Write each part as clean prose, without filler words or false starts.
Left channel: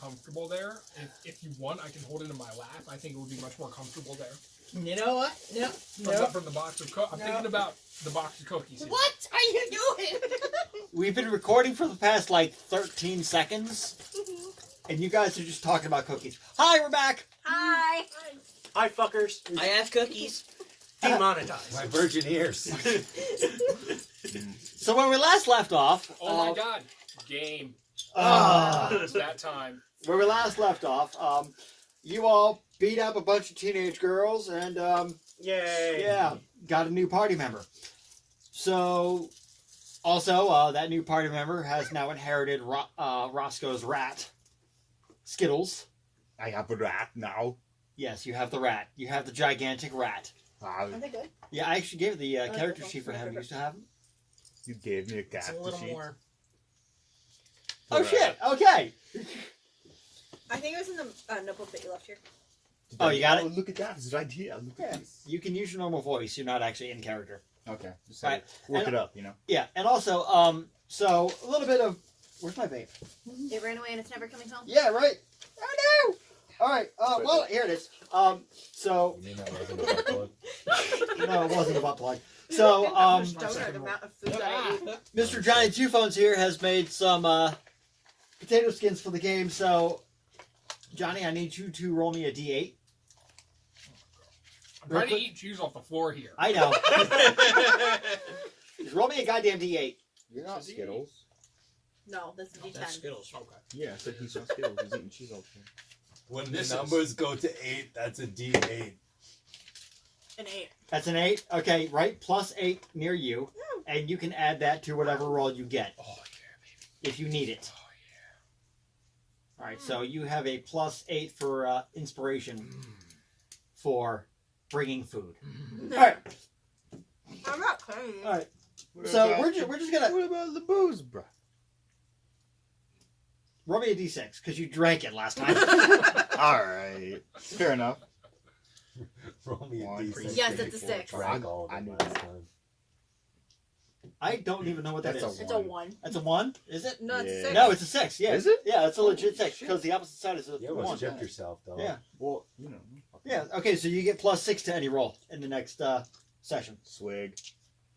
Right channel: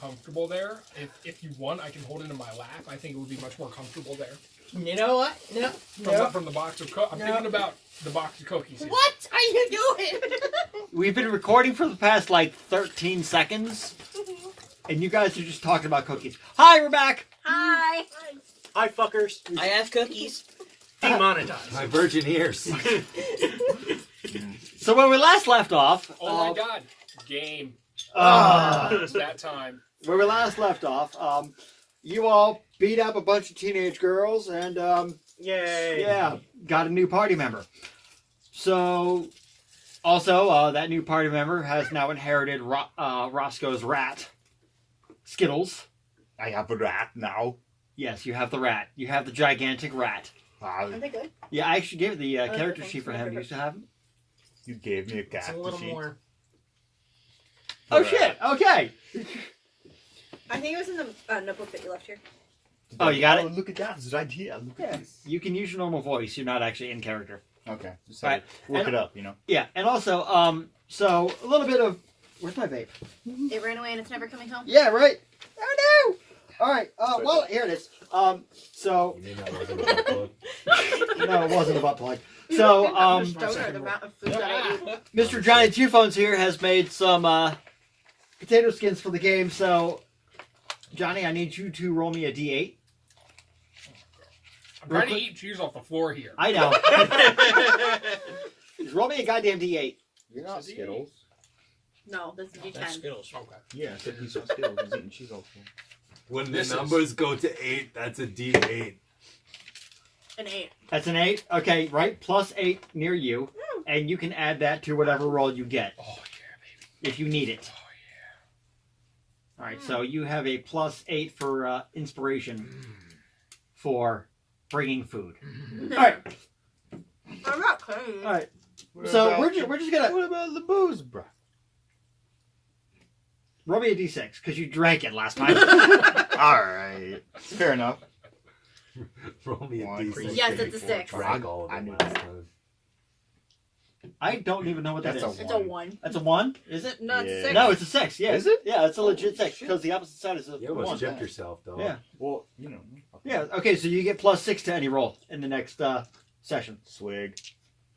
comfortable there. If you want, I can hold it in my lap. I think it would be much more comfortable there. You know what? No. From the box of cookies. I'm thinking about the box of cookies. Here. What are you doing? We've been recording for the past, 13 seconds. And you guys are just talking about cookies. Hi, we're back. Hi. Hi, fuckers. I asked cookies. Demonetized. My virgin ears. So when we last left off... Oh my god. Game. It's that time. Where we last left off, you all beat up a bunch of teenage girls and, Yay. yeah, got a new party member. So, also, that new party member has now inherited Roscoe's rat, Skittles. I have a rat now. Yes, you have the rat. You have the gigantic rat. Are they good? Yeah, I actually gave the character okay. sheet for him. You used to have him? You gave me a It's cat. a little more. Oh, shit. Okay. I think it was in the notebook that you left here. Oh, you got it? Look at that. It's an idea. Look at this. You can use your normal voice. You're not actually in character. Okay. Just Right. look And- it up, you know. Yeah, and also, so a little bit of... Where's my vape? It ran away and it's never coming home. Yeah, right. Oh, no. All right. Well, here it is. So... You mean that wasn't a butt plug? No, it wasn't a butt plug. So, Don't know the amount of food that I eat. Mr. Johnny Two Phones here has made some potato skins for the game. So, Johnny, I need you to roll me a D8. I'm trying to eat cheese off the floor here. I know. Just roll me a goddamn D8. You're not Skittles. No, this is That's D10. Skittles. Okay. Yeah, I said he's not Skittles. He's eating cheese all the time. When This the is- numbers go to 8, that's a D8. An 8. That's an 8. Okay, right? Plus 8 near you. And you can add that to whatever roll you get Oh yeah, baby. if you need it. Oh All right, so you have a plus 8 for inspiration for bringing food. yeah. All right. I'm not crazy. All right. What So about- we're just gonna What about the booze, bro? roll me a d6 because you drank it last time. All right. Fair enough. Roll me a One, D6. Yes, it's a 6. Drag all of I it knew last that. time. I don't even know what that That's is. a It's a 1. That's a 1, is it? No, it's a Yeah. 6. No, it's a 6. Yeah, Is it? Yeah, it's a legit Oh, 6 shit. because the opposite side is a You almost 1. checked yourself, though. Yeah. Well, you know. Yeah. Okay, so you get plus 6 to any roll in the next session. Swig.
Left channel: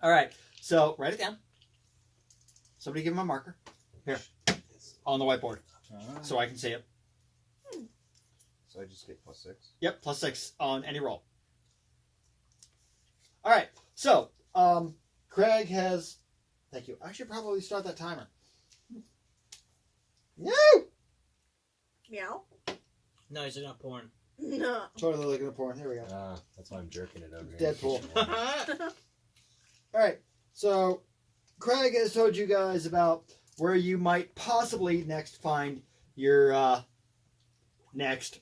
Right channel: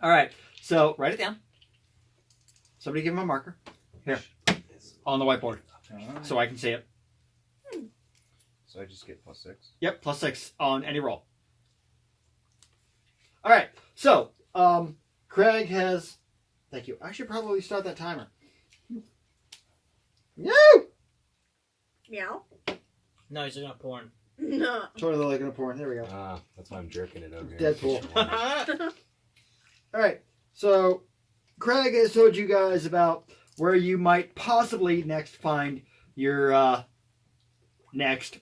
All right. So write it down. Somebody give him a marker here on the whiteboard Alright. so I can see it. So I just get plus 6. Yep, plus 6 on any roll. All right. So Craig has. Thank you. I should probably start that timer. No. Meow. No, he's not porn. No. Totally looking at porn. There we go. That's why I'm jerking it over here. Deadpool. All right. So Craig has told you guys about where you might possibly next find your next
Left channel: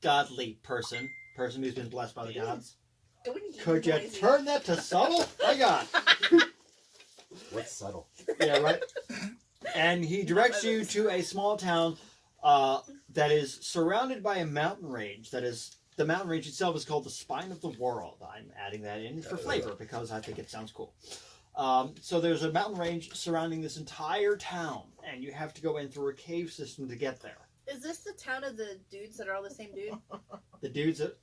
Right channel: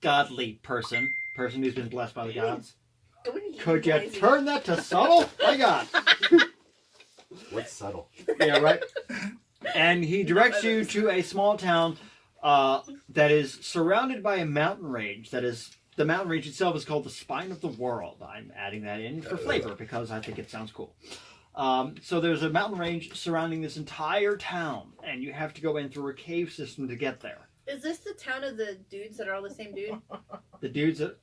godly person who's been blessed by the gods. Don't eat Could you noisy. turn that to subtle? My God. What's subtle? Yeah, right. And he directs you to a small town that is surrounded by a mountain range. That is, the mountain range itself is called the Spine of the World. I'm adding that in for flavor because I think it sounds cool. So there's a mountain range surrounding this entire town, and you have to go in through a cave system to get there. Is this the town of the dudes that are all the same dude? The dudes that,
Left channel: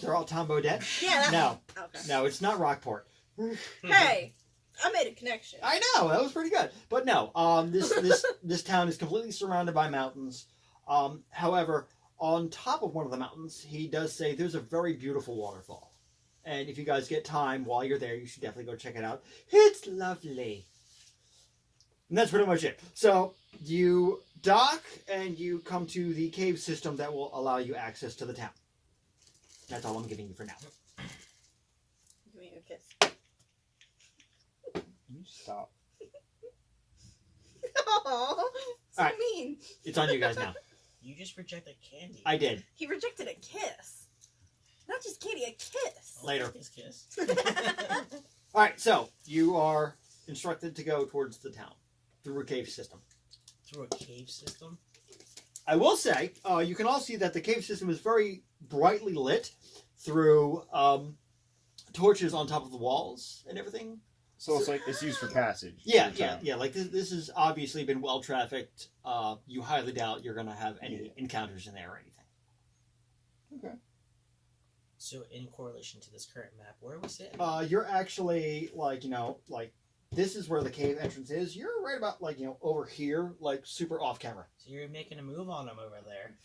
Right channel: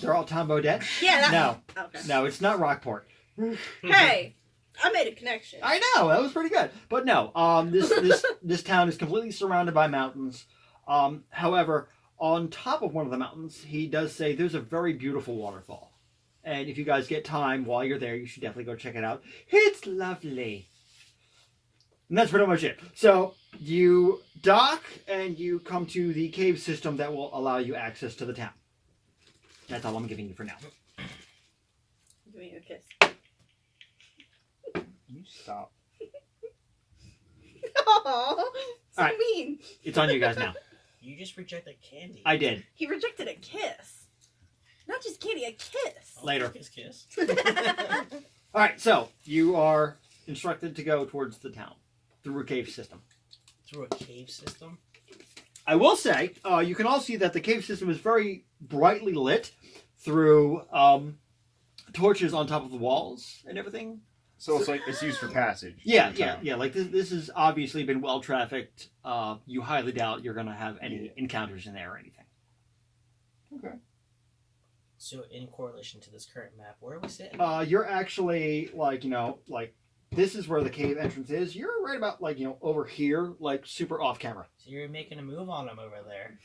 they're all Tom Baudet? Yeah. No, Okay. no, it's not Rockport. Hey, I made a connection. I know, that was pretty good. But no, this town is completely surrounded by mountains. However, on top of one of the mountains, he does say there's a very beautiful waterfall. And if you guys get time while you're there, you should definitely go check it out. It's lovely. And that's pretty much it. So you dock and you come to the cave system that will allow you access to the town. That's all I'm giving you for now. Give me a kiss. You stop. Oh, so Alright. mean. It's on you guys now. You just rejected candy. I did. He rejected a kiss. Not just candy, a kiss. Later. Kiss, kiss. All right, so you are instructed to go towards the town through a cave system. Through a cave system. I will say, you can all see that the cave system is very brightly lit through torches on top of the walls and everything. So it's like it's used for passage. Yeah, through yeah, town. yeah. Like this has obviously been well trafficked. You highly doubt you're gonna have any encounters in there or anything. Okay. So, in correlation to this current map, where are we sitting? You're actually like this is where the cave entrance is. You're right about over here, like super off camera. So you're making a move on them over there.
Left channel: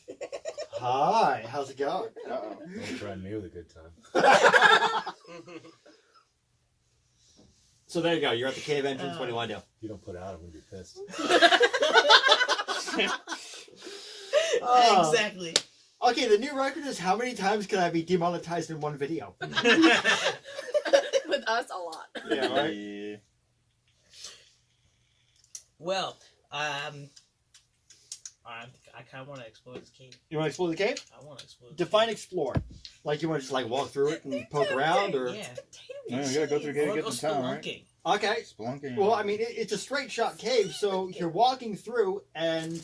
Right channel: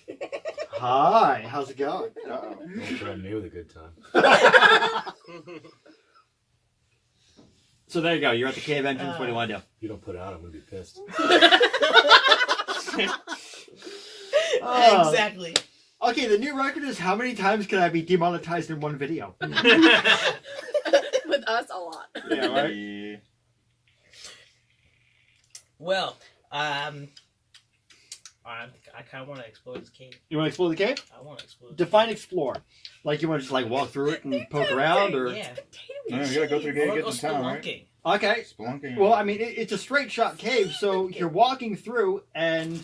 Hi, how's it going? Uh-oh. Don't threaten me with a good time. So there you go. You're at the cave entrance. What do you want to do? If you don't put it out, I'm gonna be pissed. Exactly. Okay, the new record is how many times can I be demonetized in one video? With us, a lot. Yeah, right. Yeah. Well, I kind of want to explore this cave. You want to explore the cave? I want to explore. Define explore. Like you want to just like walk through it and poke around, or Yeah. No, you gotta go through the I gate to want get to to go town, right? spelunking. okay. Spelunking. Well, I mean, it's a straight shot cave, so you're walking through, and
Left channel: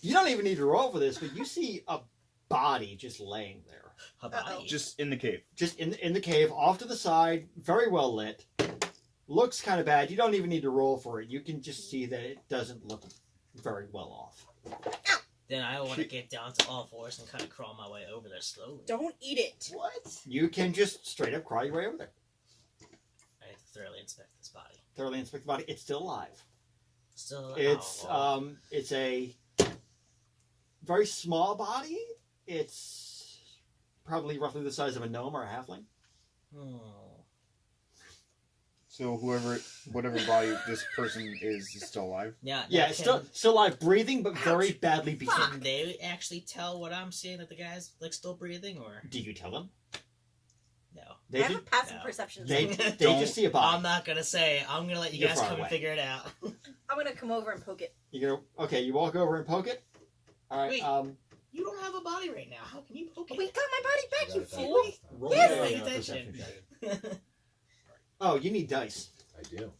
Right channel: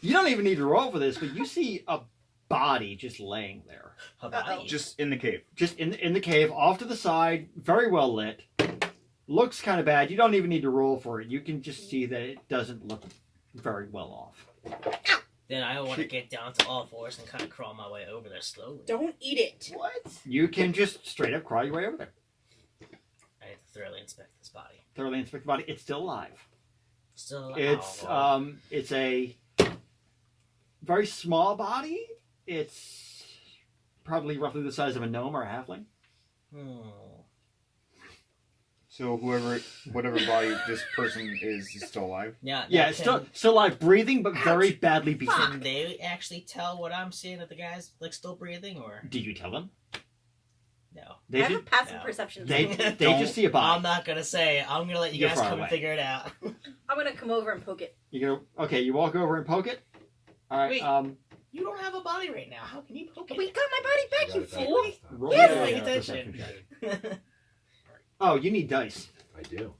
you don't even need to roll for this, but you see a body just laying there, How about you? just in the cave. just in the cave, off to the side, very well lit. Looks kind of bad. You don't even need to roll for it. You can just see that it doesn't look very well off. Then I want to get down to all fours and kind of crawl my way over there slowly. Don't eat it. What? You can just straight up crawl your way over there. I have to thoroughly inspect this body. Thoroughly inspect the body. It's still alive. Still, It's a very small body. It's probably roughly the size of a gnome or a halfling. So whatever body this person is still alive. Yeah, Yeah, it's still alive, breathing, but very badly beaten. Can they actually tell what I'm seeing, that the guy's like still breathing, or Did you tell them? no? They I have a just, passive No. perception. they, check. they Don't- just see a I'm body. not gonna say. I'm gonna let you You're guys far come away. and figure it out. I'm gonna come over and poke it. You go, okay, you walk over and poke it. All right. Wait. You don't have a body right now. How can you poke it? We got my body back, you got it back fool. this time. roll Yes, me a pay attention. perception check. Oh, you need dice. I do.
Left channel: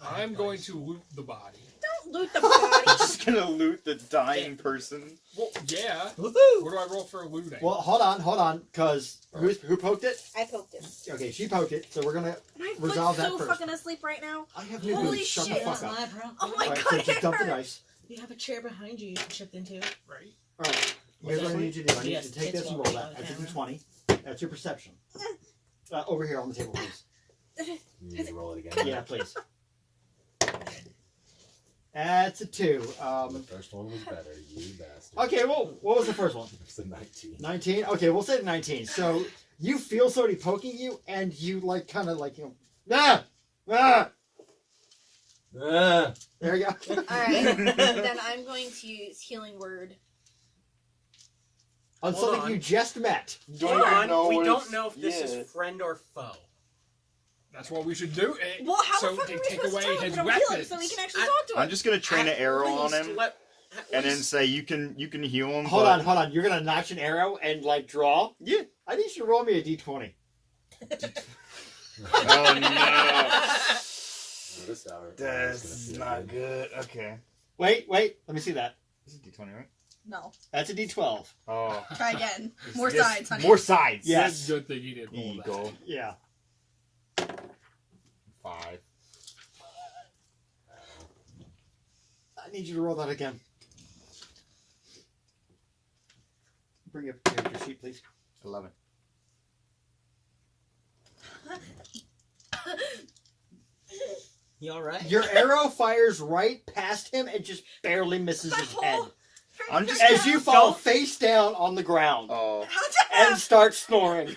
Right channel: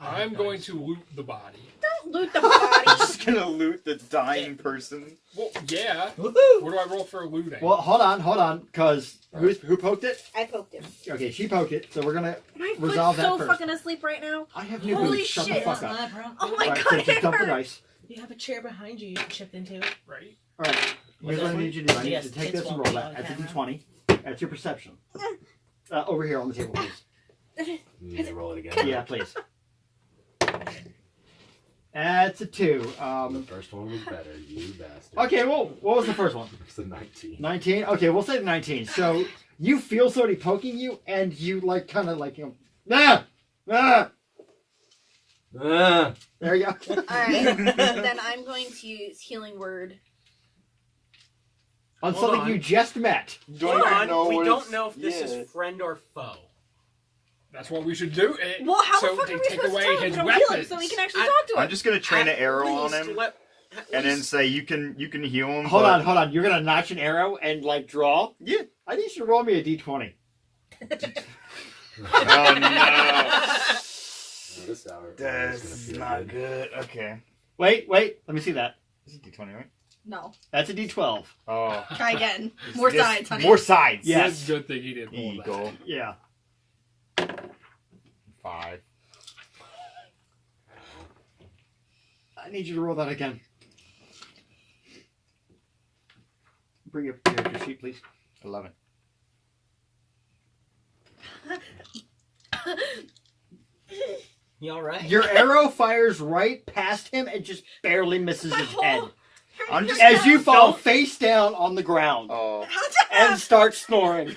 I'm going to loot the body. Don't loot the body. Just gonna loot the dying person. Well, yeah. Woohoo! What do I roll for looting? Well, hold on, because who poked it? I poked him. Okay, she poked it, so we're gonna. My Resolve foot's that so first. fucking asleep right now. I have no Holy boots. Shut the shit. fuck up. Oh my All right, god, so it just dump the hurts. dice. You have a chair behind you. You can shift into. right? All right. Here's What's what I that? need you to do. I need Yes, you to take kids this and won't roll be that. on That's a camera. d20. That's your perception. Over here on the table, please. You need to roll it again. Yeah, please. That's a 2. The first one was better, you bastard. Okay, well, what was the first one? It's a 19. 19? Okay, we'll say 19. So you feel somebody poking you, and you like kind of like ah! Ah! There you go. Alright. Then I'm going to use healing word. On Hold something on. you just met. Don't Hold on, know we what don't it's- know if this yeah. is friend or foe. That's what we should do. Well, how so the fuck they are we take supposed to away tell him his we don't heal him weapons. so we can actually I- talk to him? I'm just gonna train an At arrow on least him, at and then least- say you can heal him. Hold but- on, hold on. You're gonna notch an arrow and like draw? Yeah. I need you to roll me a d20. Oh no. This hour. That's not good. Okay. Wait. Let me see that. This is D20, right? No. That's a d12. Oh. Try again. More This- sides, honey. More sides. Yeah. That's a good thing he didn't pull Eagle. Yeah. 5. I need you to roll that again. Bring up your sheet, please. 11. You all right? Your arrow fires right past him and just barely misses his head. I'm just- As you fall Don't- face down on the ground Oh. and start snoring.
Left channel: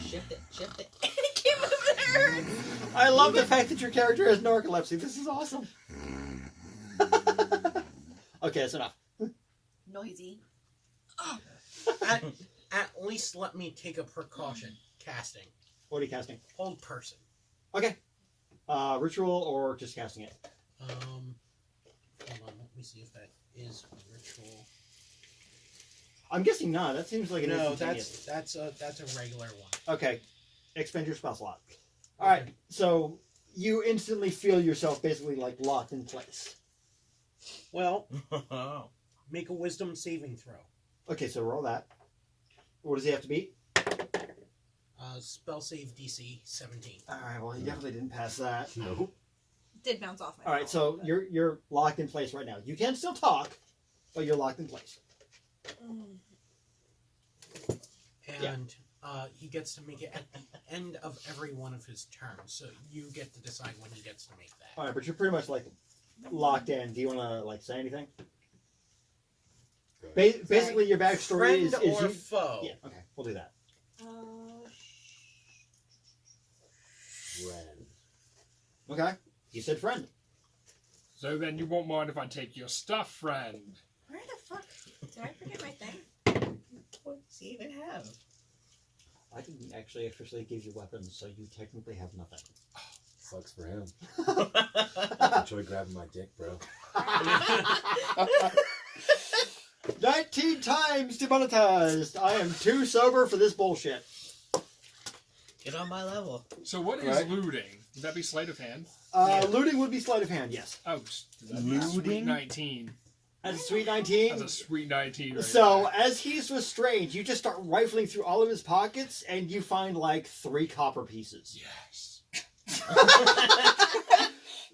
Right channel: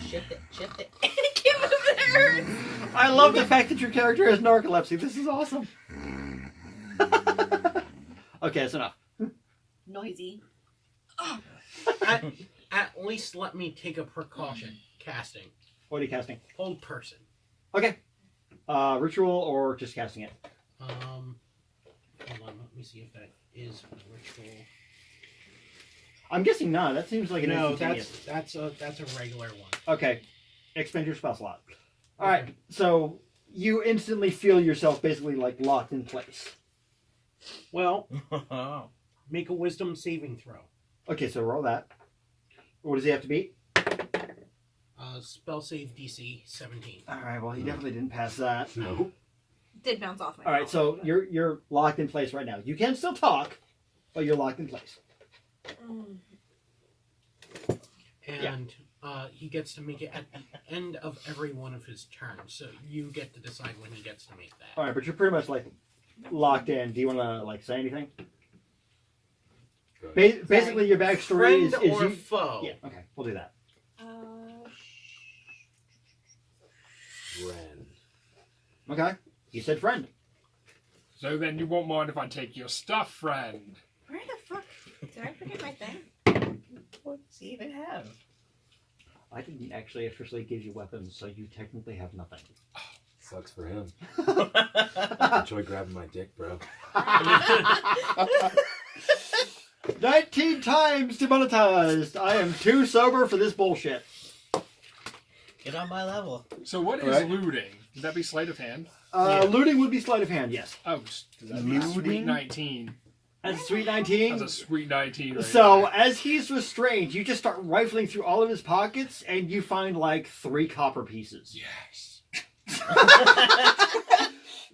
Shift it. Shift it. Keep moving. I love the fact that your character has narcolepsy. This is awesome. Okay, that's enough. Noisy. At least let me take a precaution. Casting. What are you casting? Hold person. Okay. Ritual or just casting it? Hold on, let me see if that is ritual. I'm guessing not. That seems like an No, instantaneous. that's a regular one. Okay. Expend your spell slot. Alright, so you instantly feel yourself basically like locked in place. Well, make a wisdom saving throw. Okay, so roll that. What does he have to beat? Spell save DC 17. All right. Well, he definitely didn't pass that. No. Did bounce off my All right. phone, So but- you're locked in place right now. You can still talk, but you're locked in place. Mm. And he gets to make it at the end of every one of his turns. So you get to decide when he gets to make that. All right, but you're pretty much like locked in. Do you want to like say anything? Basically, your backstory Friend is or you. foe? Yeah. Okay. We'll do that. Ren. Okay. He said friend. So then you won't mind if I take your stuff, friend. Where the fuck? Did I forget my thing? What does he even have? I didn't actually officially give you weapons, so you technically have nothing. Sucks for him. Enjoy grabbing my dick, bro. 19 times demonetized. I am too sober for this bullshit. Get on my level. So what is Right. looting? Would that be sleight of hand? Yeah. Looting would be sleight of hand, yes. Oh, that'd be a sweet Looting? 19. That's a sweet That's 19. a sweet 19. Right So, there. as he's restrained, you just start rifling through all of his pockets, and you find like 3 copper pieces. Yes.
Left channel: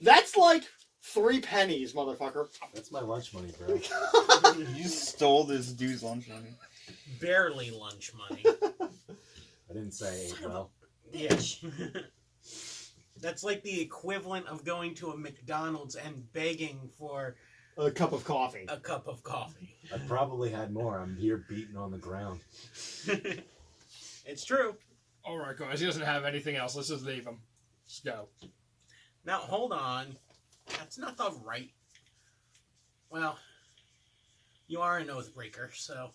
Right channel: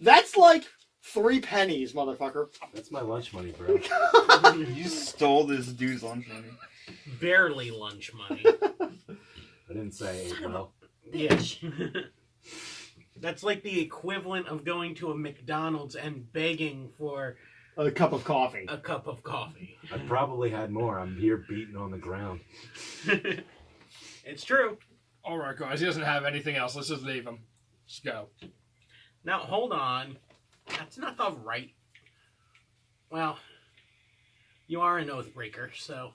That's like 3 pennies, motherfucker. That's my lunch money, bro. You stole this dude's lunch money. Barely lunch money. I didn't say Son of a well. Yes. That's like the equivalent of going to a McDonald's and begging for A cup of coffee. a cup of coffee. I probably had more. I'm here beating on the ground. It's true. All right, guys. He doesn't have anything else. Let's just leave him. Let's go. Now, hold on. That's not the right... Well, you are an oath breaker, so...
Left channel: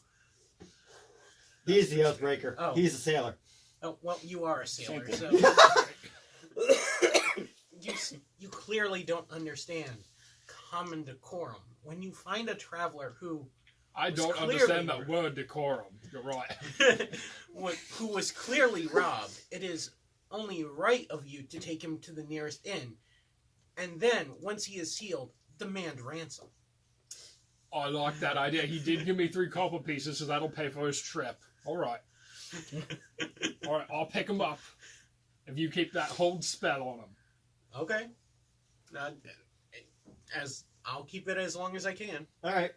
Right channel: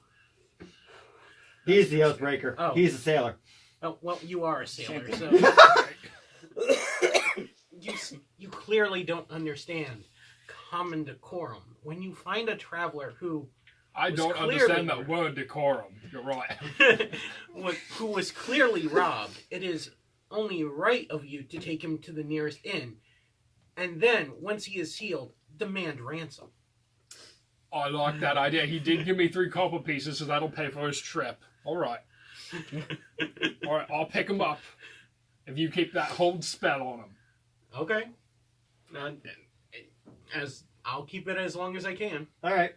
He's the oathbreaker. Oh. He's a sailor. Oh, well, you are a sailor, Same so... you clearly don't understand common decorum. When you find a traveler who I was don't clearly understand that rude. word decorum. You're right. who was clearly robbed, it is only right of you to take him to the nearest inn, and then, once he is healed, demand ransom. I like that idea. He did give me 3 copper pieces, so that'll pay for his trip. All right. All right, I'll pick him up if you keep that hold spell on him. Okay. As I'll keep it as long as I can. All right.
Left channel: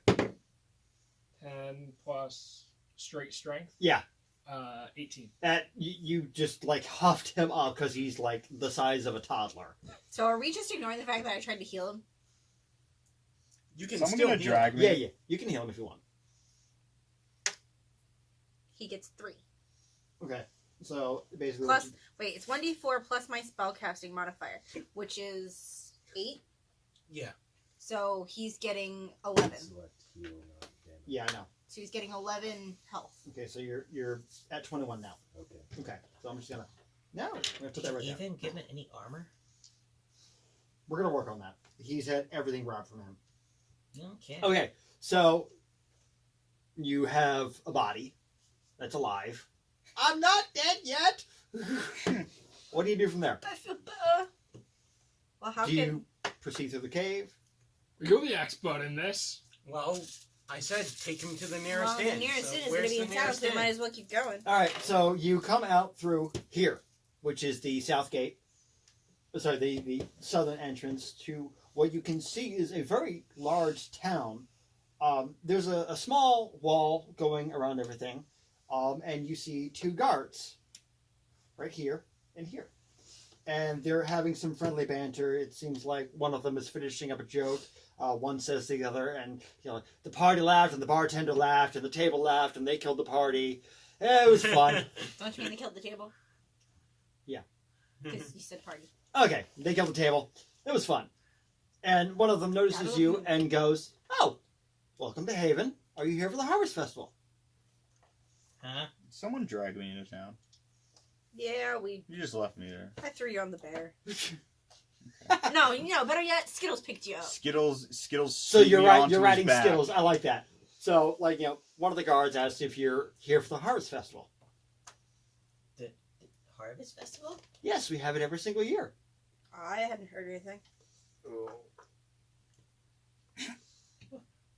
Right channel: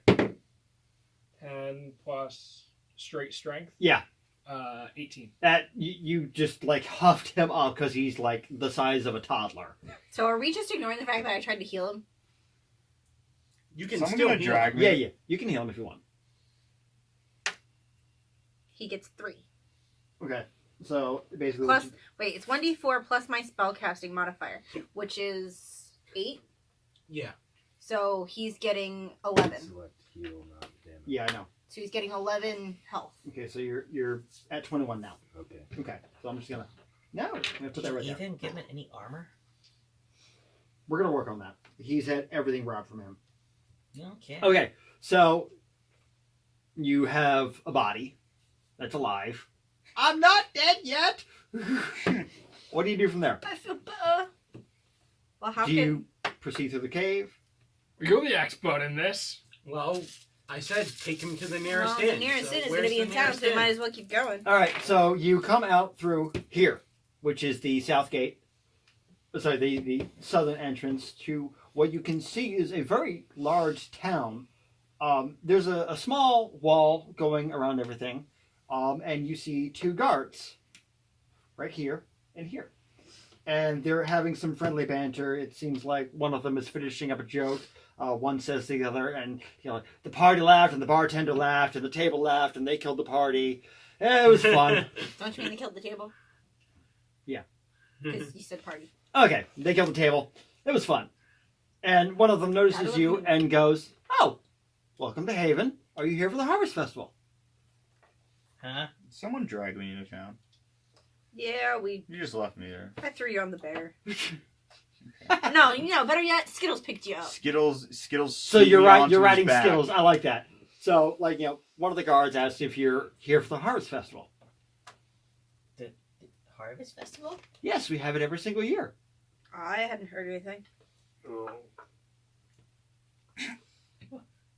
10 plus straight strength. Yeah. 18. That you just like huffed him up because he's like the size of a toddler. So are we just ignoring the fact that I tried to heal him? You can Someone still gonna heal. drag me? Yeah. You can heal him if you want. He gets 3. Okay. So basically, Plus, wait, it's 1d4 plus my spellcasting modifier, which is 8. Yeah. So he's getting 11. Select heal, not damage. yeah, I know. So he's getting 11 health. Okay, so you're at 21 now. Okay. Okay, so I'm just gonna I'm gonna put Did that you right there. even give him any armor? We're gonna work on that. He's had everything robbed from him. Okay. Okay, so you have a body that's alive. I'm not dead yet. What do you do from there? I feel better. Well, how Do you proceed through the cave? You're the expert in this. Well, I said take him to the nearest well, inn. the nearest so inn is where's going to be the in town, nearest so we inn? might as well keep going. All right, so you come out through here, which is the south gate. Sorry, the southern entrance to what you can see is a very large town. There's a small wall going around everything, and you see 2 guards right here and here. And they're having some friendly banter. It seems like one of them is finishing up a joke. One says to the other, and the party laughed, and the bartender laughed, and the table laughed, and they killed the party. It was fun. Don't you mean they killed the table? Yeah. Because you said party. Okay, they killed the table. It was fun. And one of them notices you and goes, "Oh, welcome to Haven. Are you here for the Harvest Festival?" Huh? Someone dragged me into town. Yeah, You just left me there. I threw you on the bear. No, better yet, Skittles picked you up. Skittles. So threw you're me right. onto You're his riding back. Skittles. I like that. So, one of the guards asked if you're here for the Harvest Festival. The Harvest Festival? Yes, we have it every single year. I hadn't heard anything.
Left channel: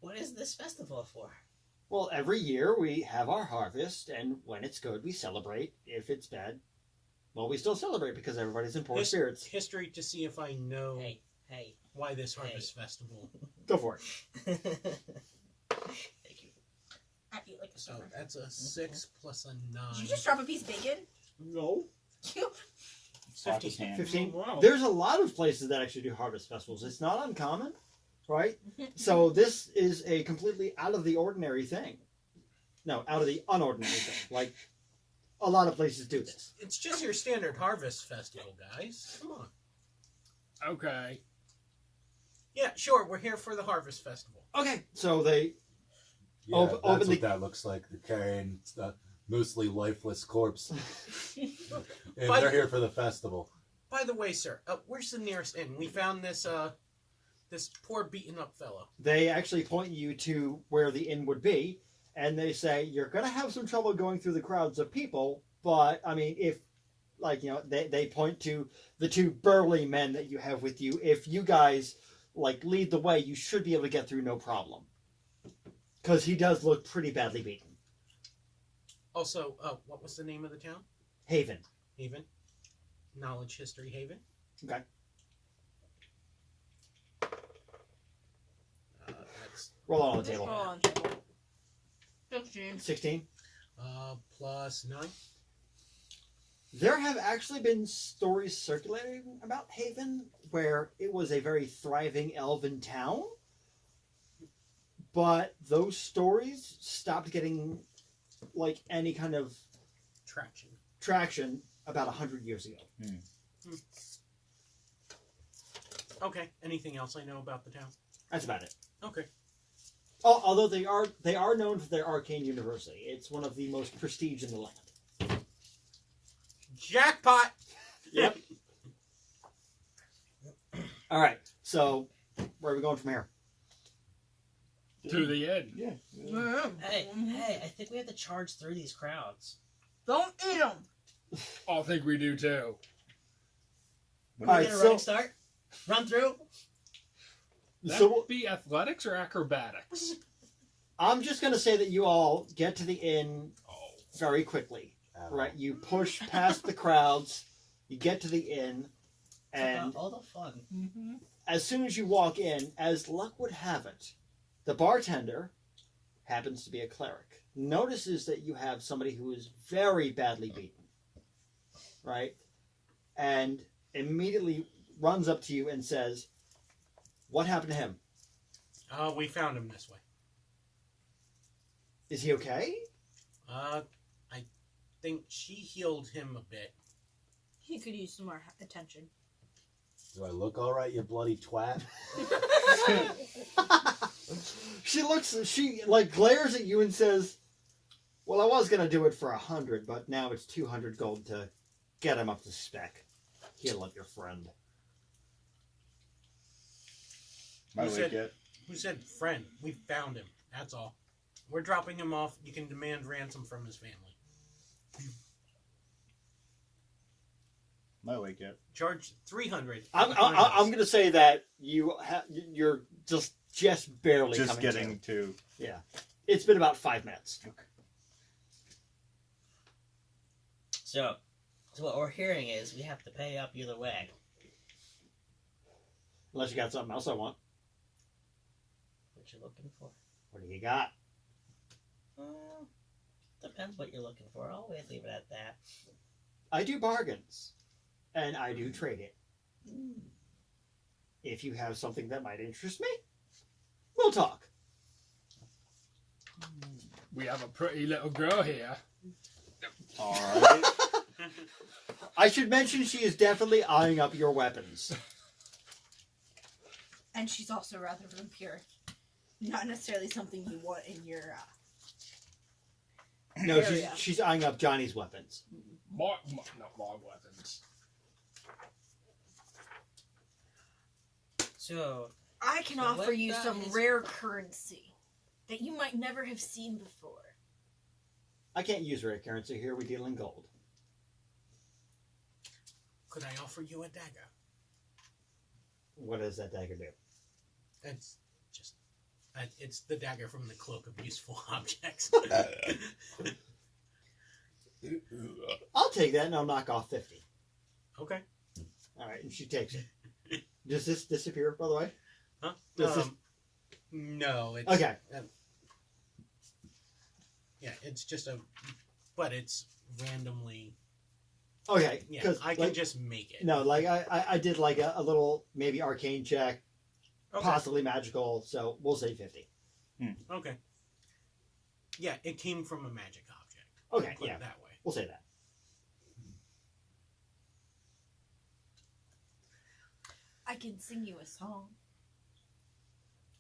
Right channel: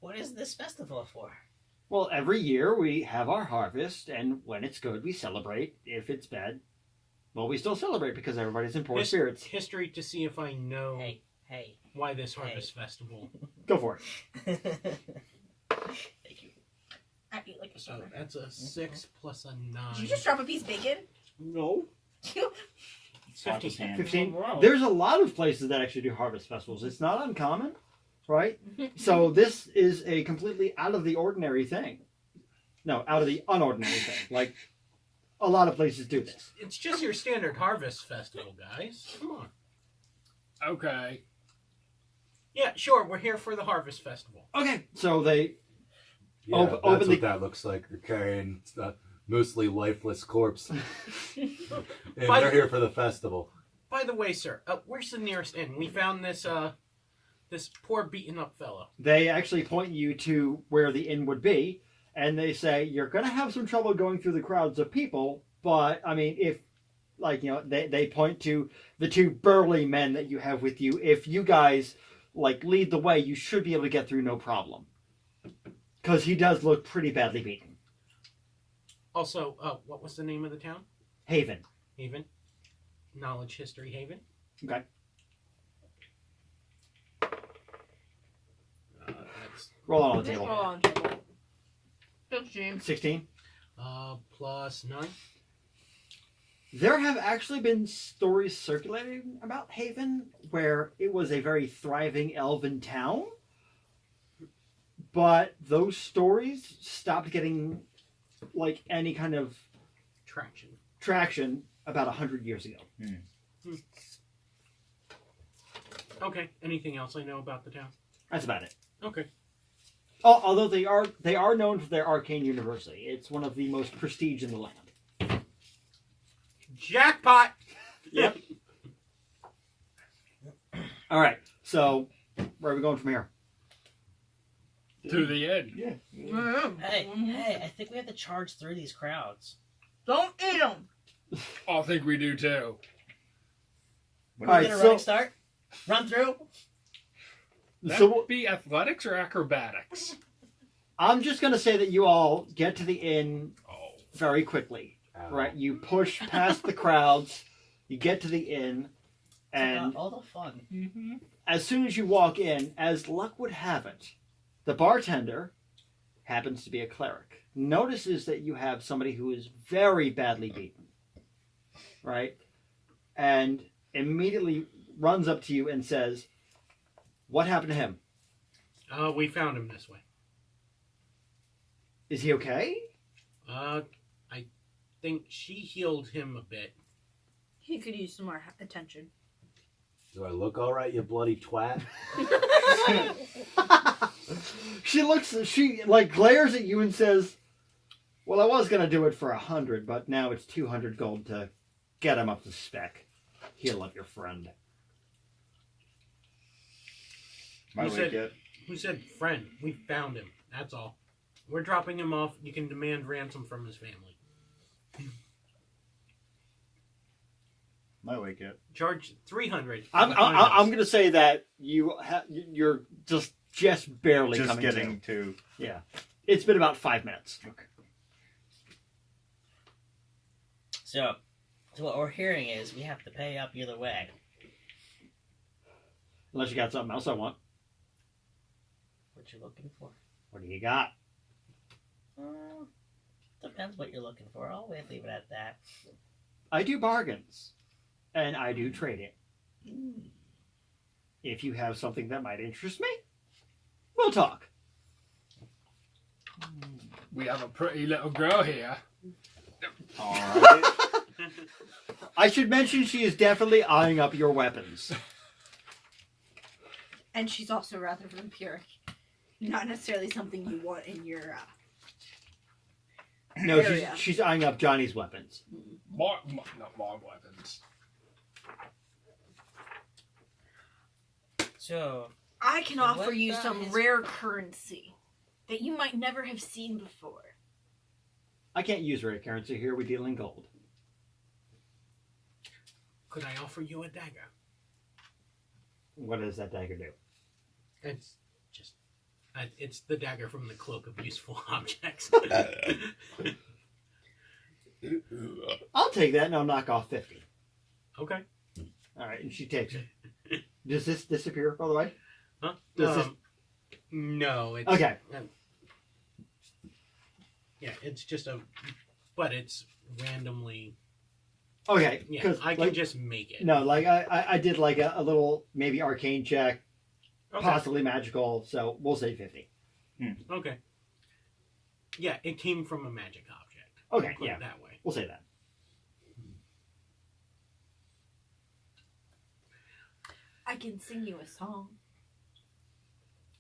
What is this festival for? Well, every year we have our harvest, and when it's good, we celebrate. If it's bad, well, we still celebrate because everybody's in poor spirits. History to see if I know Hey. why this harvest festival. Go for it. Thank you. I eat like a So summer. that's a 6 plus a 9. Did you just drop a piece of bacon? No. Slap his hand. 15. Wow. There's a lot of places that actually do harvest festivals. It's not uncommon, right? So this is a completely out of the ordinary thing. No, out of the unordinary thing. Like, a lot of places do this. It's just your standard harvest festival, guys. Come on. Okay. Yeah, sure. We're here for the harvest festival. Okay, so they Yeah, Open- that's open what the- that looks like. They're carrying a mostly lifeless corpse. And But- they're here for the festival. By the way, sir, where's the nearest inn? We found this this poor beaten up fellow. they actually point you to where the inn would be, and they say you're going to have some trouble going through the crowds of people, but I mean, if like they point to the two burly men that you have with you. If you guys like lead the way, you should be able to get through no problem, because he does look pretty badly beaten. Also, what was the name of the town? Haven. Haven. Knowledge History Haven. Okay. That's Roll on the Just roll table. on the table. 16. 16. plus 9. There have actually been stories circulating about Haven where it was a very thriving elven town, but those stories stopped getting like any kind of Traction. traction about 100 years ago. Okay. Anything else I know about the town? That's about it. Okay. Although they are known for their arcane university. It's one of the most prestige in the land. Jackpot. Yep. All right. So where are we going from here? To the end. Yeah. Hey, I think we have to charge through these crowds. Don't eat them. I think we do too. What All is- right, Get a so- running start. Run through. That So would be athletics or acrobatics? I'm just going to say that you all get to the inn Oh. very quickly. Ow. Right, you push past the crowds, you get to the inn, It's and about all the fun. Mm-hmm. as soon as you walk in, as luck would have it, the bartender happens to be a cleric. Notices that you have somebody who is very badly beaten, right? And immediately runs up to you and says, "What happened to him? We found him this way. Is he okay?" I think she healed him a bit. He could use some more attention. Do I look all right, you bloody twat? She like glares at you and says, "Well, I was gonna do it for 100, but now it's 200 gold to get him up to spec. Heal up your friend." My Who wake said- yet? Who said friend? We found him. That's all. We're dropping him off. You can demand ransom from his family. My wake yet? Charge 300. I'm gonna say that you're just barely Just coming getting to. to. Yeah, it's been about 5 minutes. So what we're hearing is we have to pay up either way. Unless you got something else I want. What you looking for? What do you got? Depends what you're looking for. I'll leave it at that. I do bargains, and I do trade it. If you have something that might interest me, we'll talk. We have a pretty little girl here. Alright. I should mention she is definitely eyeing up your weapons. And she's also rather vampiric. Not necessarily something you want in your No, area. she's eyeing up Johnny's weapons. Not my weapons. So I can So offer what you about some his- rare currency that you might never have seen before. I can't use rare currency here. We deal in gold. Could I offer you a dagger? What does that dagger do? It's just It's the dagger from the cloak of useful objects. I'll take that and I'll knock off 50. Okay. All right, and she takes it. Does this disappear, by the way? Huh? Does this- No. It's, Okay. Yeah, it's just but it's randomly. Okay, Yeah, because I can just make it. no, like I did like a little maybe arcane check, Okay. possibly magical. So we'll say 50. Okay. Yeah, it came from a magic object. Okay, Put it yeah, that way. we'll say that. I can sing you a song.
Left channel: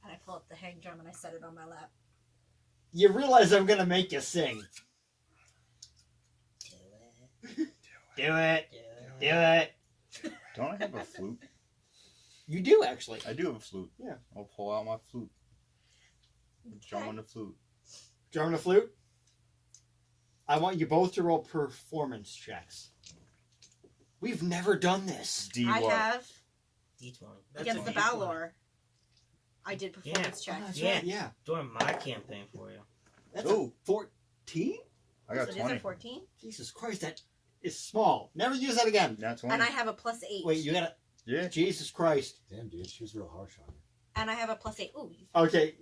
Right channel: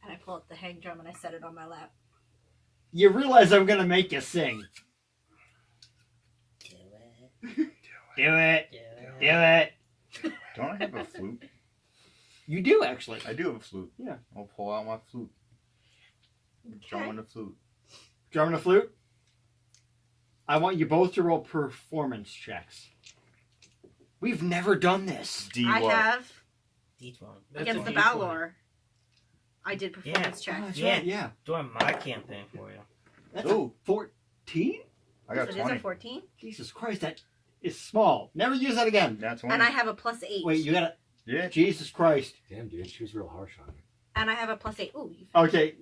And I pull up the hang drum and I set it on my lap. You realize I'm gonna make you sing. Do it. Do it. Do Do it. it. Don't I have a flute? You do actually. I do have a flute. Yeah. I'll pull out my flute. Drum Okay. on the flute. Drum and a flute. I want you both to roll performance checks. We've never done this. D I what? have D20. That's against a the D20. Balor. I did performance Oh, check. that's Yeah. right, yeah. Doing my campaign for you. That's Ooh. 14? I So got it is 20. a 14. Jesus Christ, that is small. Never use that again. That's 20. And I have a +8. Wait, you gotta. Yeah. Jesus Christ. Damn, dude, she was real harsh on you. And I have a +8. Ooh. Okay,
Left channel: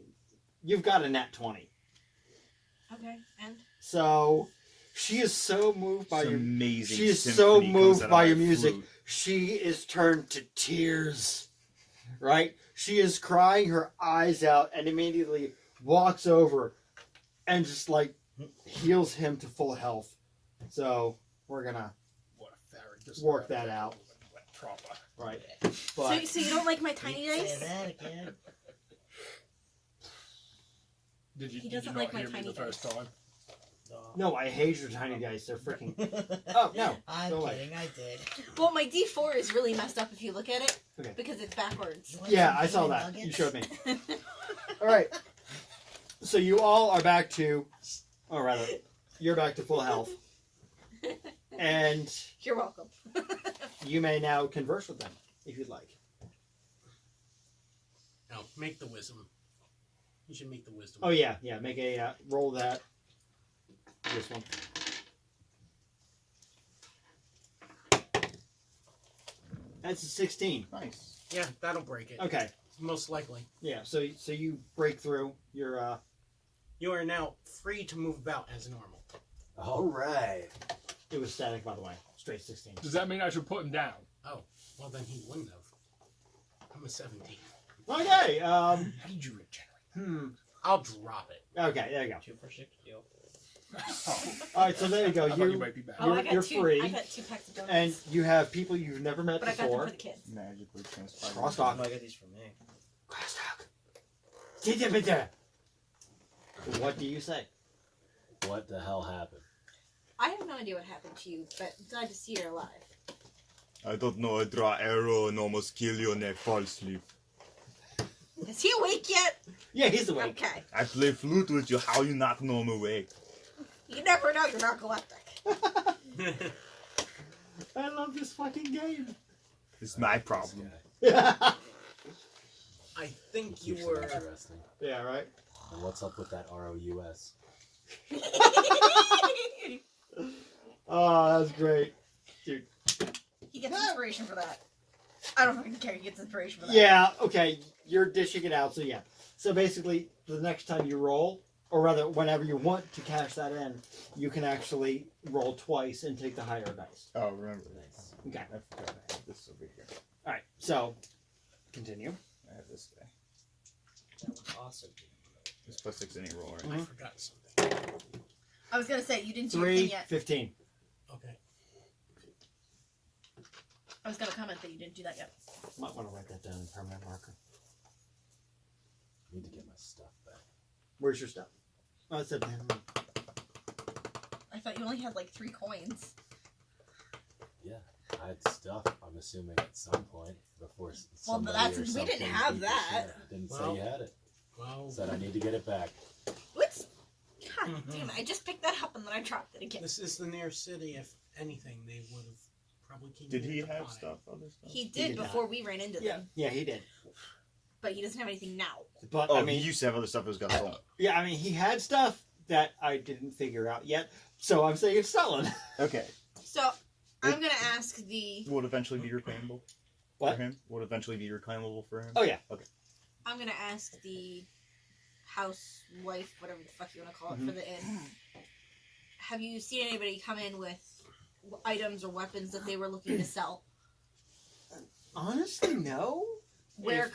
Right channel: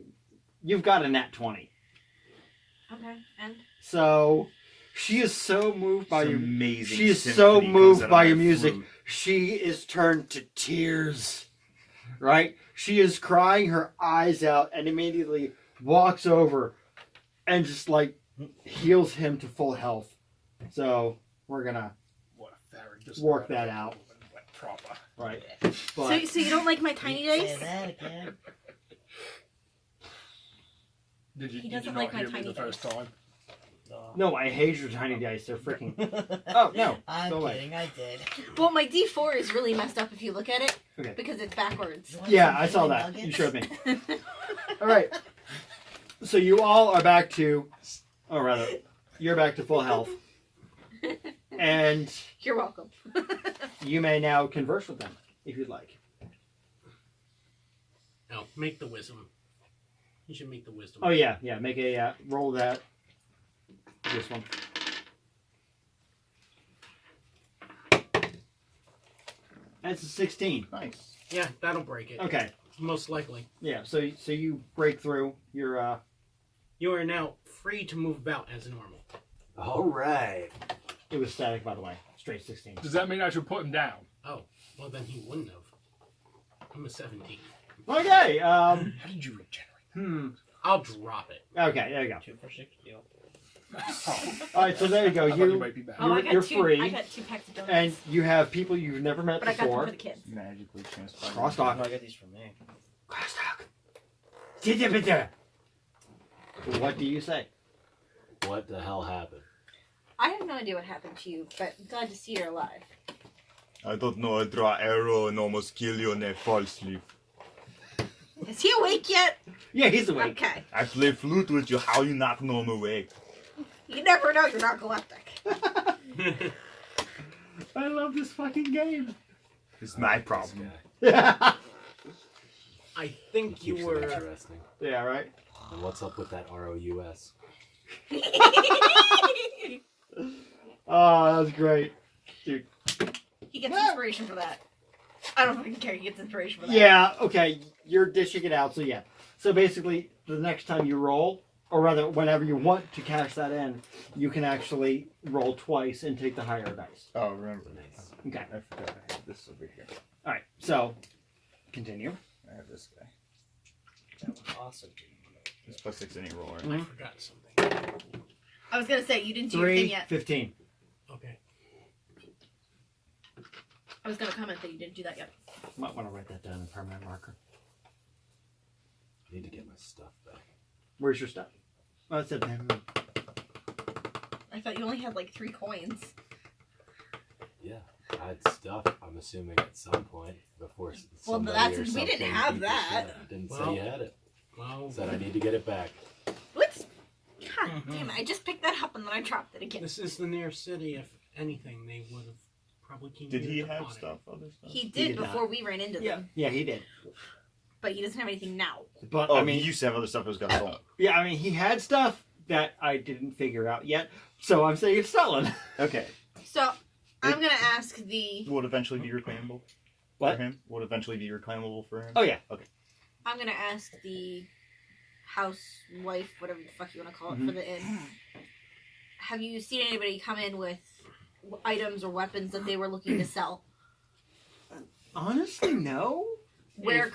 you've got a nat 20. Okay. And So, she is so moved by It's your. amazing. She is symphony so comes moved out of by that your music. flute. She is turned to tears. Right? She is crying her eyes out and immediately walks over and just like heals him to full health. So, we're gonna. What a Farrag just Work that out. Proper. Right. so, But. so you don't like my tiny Say dice? that again. Did you, He did you doesn't not like my hear me tiny the first dice. time? No, I hate your tiny dice. They're freaking. Oh, no. I'm Go away. kidding. I did. Well, my D4 is really messed up if you look at it. Okay. Because it's backwards. You want Yeah, some I saw chicken that. nuggets? You showed me. All right. So you all are back to, or rather, you're back to full health, and You're welcome. you may now converse with them if you'd like. No, make the wisdom. You should make the wisdom. Oh yeah, make a roll that. This one. That's a 16. Nice. Yeah, that'll break it. Okay. Most likely. Yeah. So you break through your. You are now free to move about as normal. All right. It was static, by the way. Straight 16. Does that mean I should put him down? Oh, well then he wouldn't have. I'm a 17. Okay. How did you regenerate? I'll drop it. Okay. There you go. 2 for 6. Deal. All right. So there you go. I thought you You might be back. Oh, I You're- got you're two. free, I got 2 packs of donuts. and you have people you've never met but I got them before. for the kids. Magically transpired. Crosstalk. No, I got these from me. Crosstalk. What do you say? What the hell happened? I have no idea what happened to you, but glad to see you're alive. I don't know. I draw arrow and almost kill you and I fall asleep. Is he awake yet? Yeah, he's awake. Okay. I play flute with you. How you not know I'm awake? You never know you're narcoleptic. I love this fucking game. It's my This problem. guy. Yeah. I think Keeps you it were. interesting. Yeah, right? And what's up with that ROUS? Oh, that's great. Dude. He gets inspiration for that. I don't fucking care. He gets inspiration for that. Yeah, okay. You're dishing it out, so yeah. So basically, the next time you roll, or rather, whenever you want to cash that in, you can actually roll twice and take the higher dice. Oh, remember. Nice. Okay. I forgot I had this over here. Alright, so continue. I have this guy. Awesome. This +6 any roll, right? I forgot something. I was gonna say you didn't do your thing 3, yet. 15. Okay. I was gonna comment that you didn't do that yet. Might want to write that down in permanent marker. I need to get my stuff back. Where's your stuff? Oh, it said I thought you only had like 3 coins. Yeah, I had stuff. I'm assuming at some point before. Well, somebody that's- or we didn't something have beat the that. shit out of it. Didn't Well- say you had it. Well, Said I need to get it back. What's? God damn it! I just picked that up and then I dropped it again. this is the near city. If anything, they would have probably came Did he here have upon it. stuff? Other stuff? He did did not. before we ran into them. Yeah, he did. but he doesn't have anything now. But Oh, I mean, he used to have other stuff that was got stolen. yeah, I mean, he had stuff that I didn't figure out yet, so I'm saying it's stolen. Okay. So I'm gonna ask the. Would eventually be reclaimable. What? For him? Would eventually be reclaimable for him. Oh yeah. I'm gonna ask the housewife, whatever the fuck you want to call it, Mm-hmm. for the inn. Have you seen anybody come in with items or weapons that they were looking to sell? Honestly, no. Where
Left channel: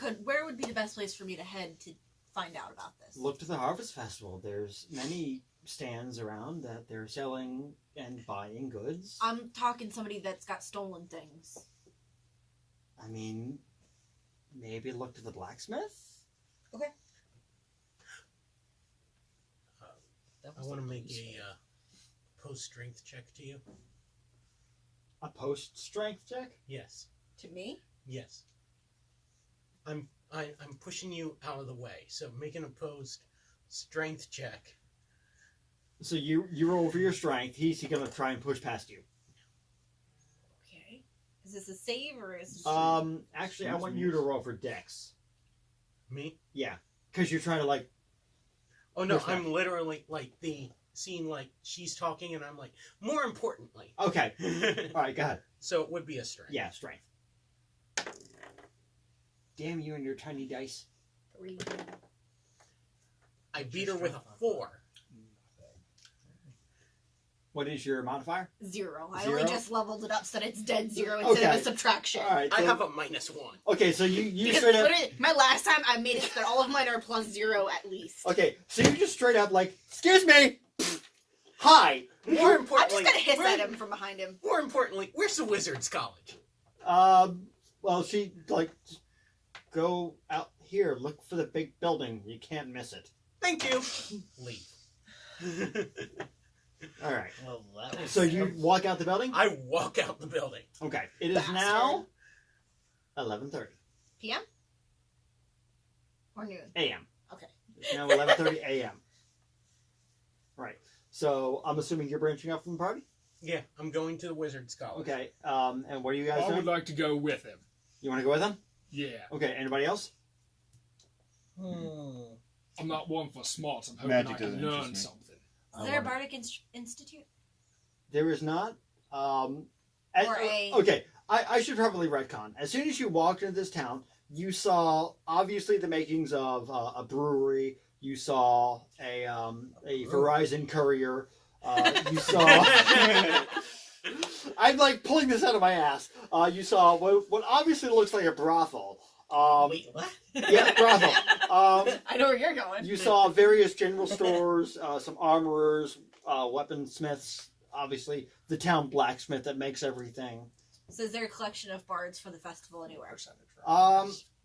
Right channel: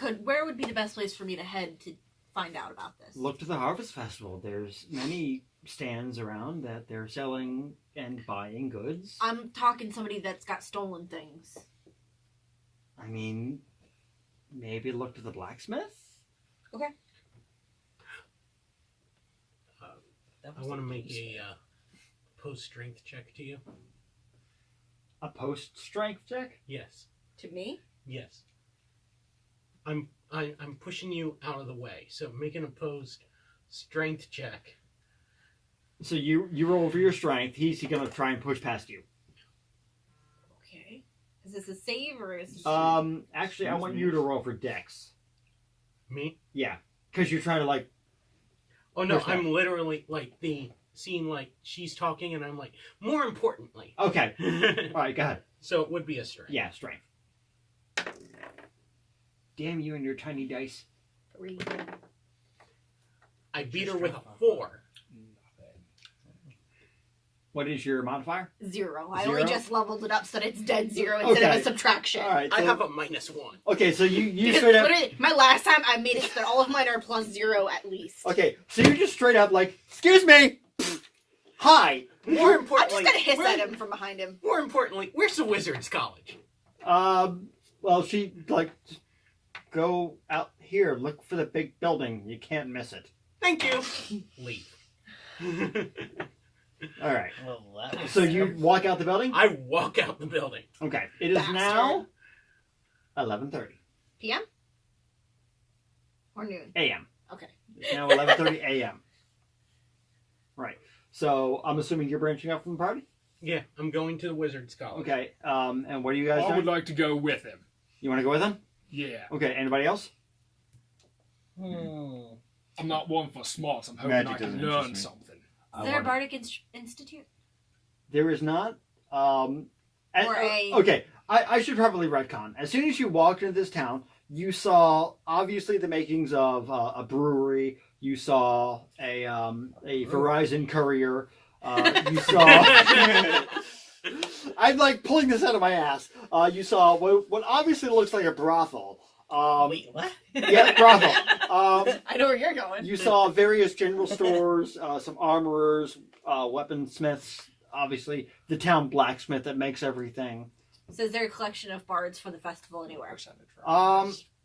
would be the best place for me to head to find out about this? Look to the Harvest Festival. There's many stands around that they're selling and buying goods. I'm talking somebody that's got stolen things. I mean, maybe look to the blacksmith. I want to make a post strength check to you. A post strength check. Yes. To me? Yes. I'm pushing you out of the way, so make an opposed strength check. So you roll for your strength. He's gonna try and push past you. Okay. Is this a save or is this Actually, I Excuse want me? you to roll for Dex. Me? Yeah, because you're trying to like. Oh no, Push back. I'm literally like the scene, like she's talking, and I'm like, more importantly. Okay. All right, go ahead. So it would be a strength. Yeah, strength. Damn you and your tiny dice. 3? I beat her with a 4. What is your modifier? 0. I 0? only just leveled it up so that it's dead 0 instead of Okay. a subtraction. All right. I so- have a -1. Okay, so you Because straight up. literally, my last time I made it so that all of mine are plus 0 at least. Okay, so you just straight up like, excuse me. Hi. More I'm importantly, just gonna hiss where- at him from behind him. More importantly, where's the Wizards College? Well, she like go out here, look for the big building. You can't miss it. Thank you. Leave. All right. Well, that was So you walk out the building. I walk out the building. Okay. It is Bastard. now 11:30 PM? Or noon? a.m. Okay. It's now 11:30 a.m. Right. So I'm assuming you're branching off from the party. Yeah, I'm going to the Wizards College. Okay. And what are you guys I doing? would like to go with him. You want to go with them? Yeah. Okay. Anybody else? I'm not one for smarts. I'm hoping Magic I can doesn't learn interest me. something. Is there a Bardic Institute? There is not. Or a- Okay, I should probably retcon. As soon as you walked into this town, you saw obviously the makings of a brewery. You saw a Verizon courier. You saw. I'm like pulling this out of my ass. You saw what obviously looks like a brothel. Wait, what? Yeah, brothel. I know where you're going. You saw various general stores, some armorers, weaponsmiths. Obviously, the town blacksmith that makes everything. So is there a collection of bards for the festival anywhere?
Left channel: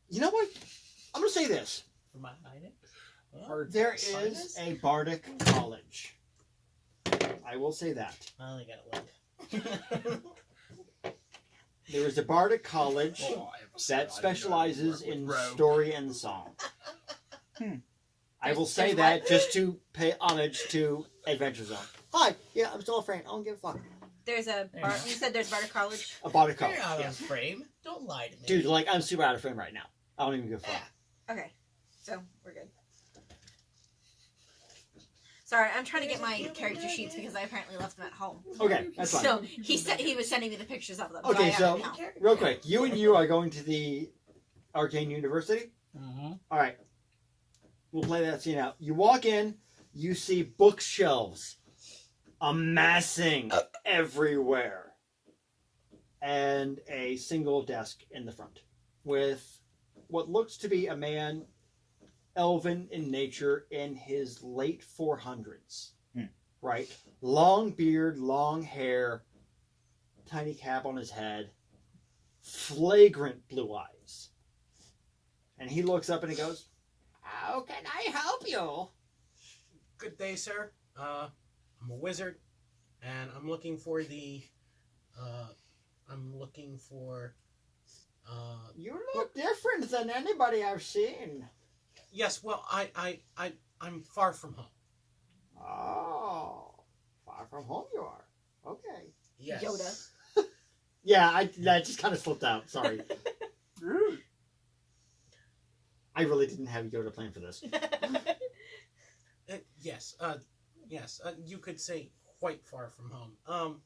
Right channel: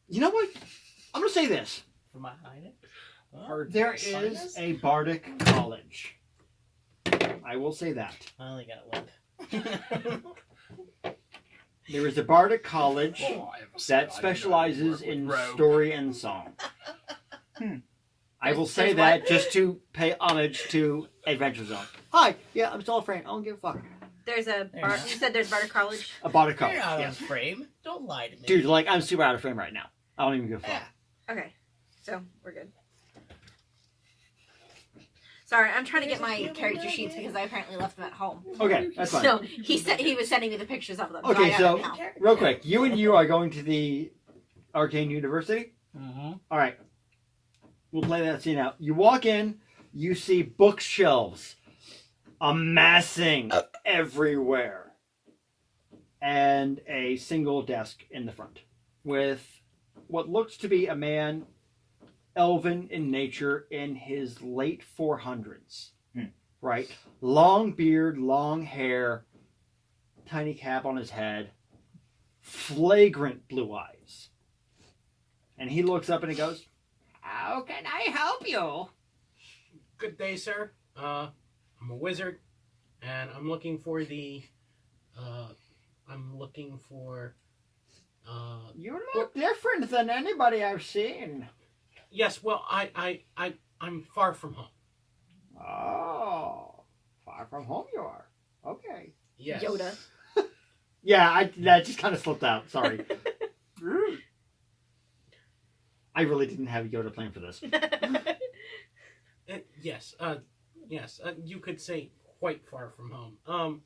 You know what? I'm gonna say this. For my hiding? There is a bardic college. I will say that. I only got one. There is a bardic college Oh, I ever said I that didn't specializes know how to in work with Rogue. story and song. I will say There's that what? just to pay homage to Adventure Zone. Hi, yeah, I'm still a friend. I don't give a fuck. There's a bar. You said there's Bardic College. A bardic college, You're out yeah. of frame. Don't lie to me. Dude, like, I'm super out of frame right now. I don't even give a fuck. Okay, so we're good. Sorry, I'm trying to get my character sheets because I apparently left them at home. Okay, that's fine. So he said he was sending me the pictures of them. I Okay, have so them now. real quick, you and you are going to the Arcane University. Mhm. All right, we'll play that scene out. You walk in, you see bookshelves amassing everywhere, and a single desk in the front with what looks to be a man, elven in nature, in his late 400s. Right, long beard, long hair, tiny cap on his head, flagrant blue eyes. And he looks up and he goes, "How can I help you?" Good day, sir. I'm a wizard, and I'm looking for the. I'm looking for. You look different than anybody I've seen. Yes, well, I'm far from home. Oh, far from home you are. Okay. Yes. Yoda. Yeah, that just kind of slipped out. Sorry. I really didn't have Yoda plan for this. Yes. Yes. You could say quite far from home.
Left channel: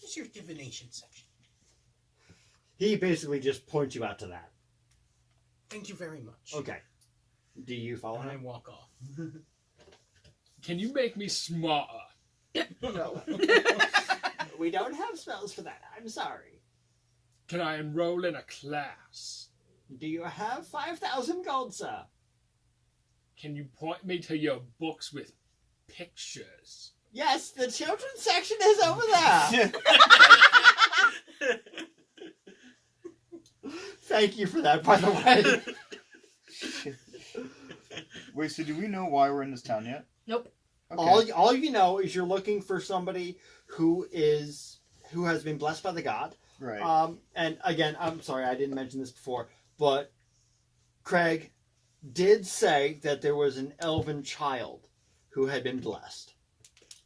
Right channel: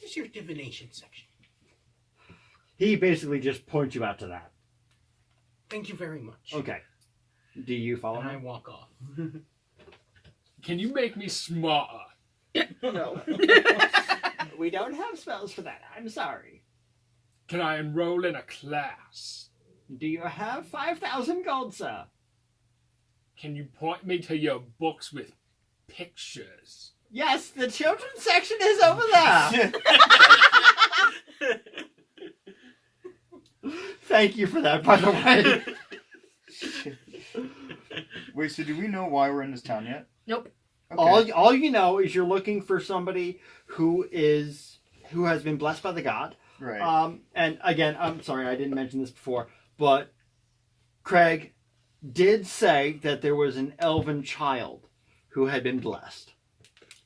Where's your divination section? He basically just points you out to that. Thank you very much. Okay. Do you follow And I him? walk off. Can you make me smarter? No. We don't have spells for that. I'm sorry. Can I enroll in a class? Do you have 5,000 gold, sir? Can you point me to your books with pictures? Yes, the children's section is over there. Thank you for that, by the way. Wait, so do we know why we're in this town yet? Nope. Okay. All you know is you're looking for somebody who has been blessed by the god. Right. And again, I'm sorry I didn't mention this before, but Craig did say that there was an elven child who had been blessed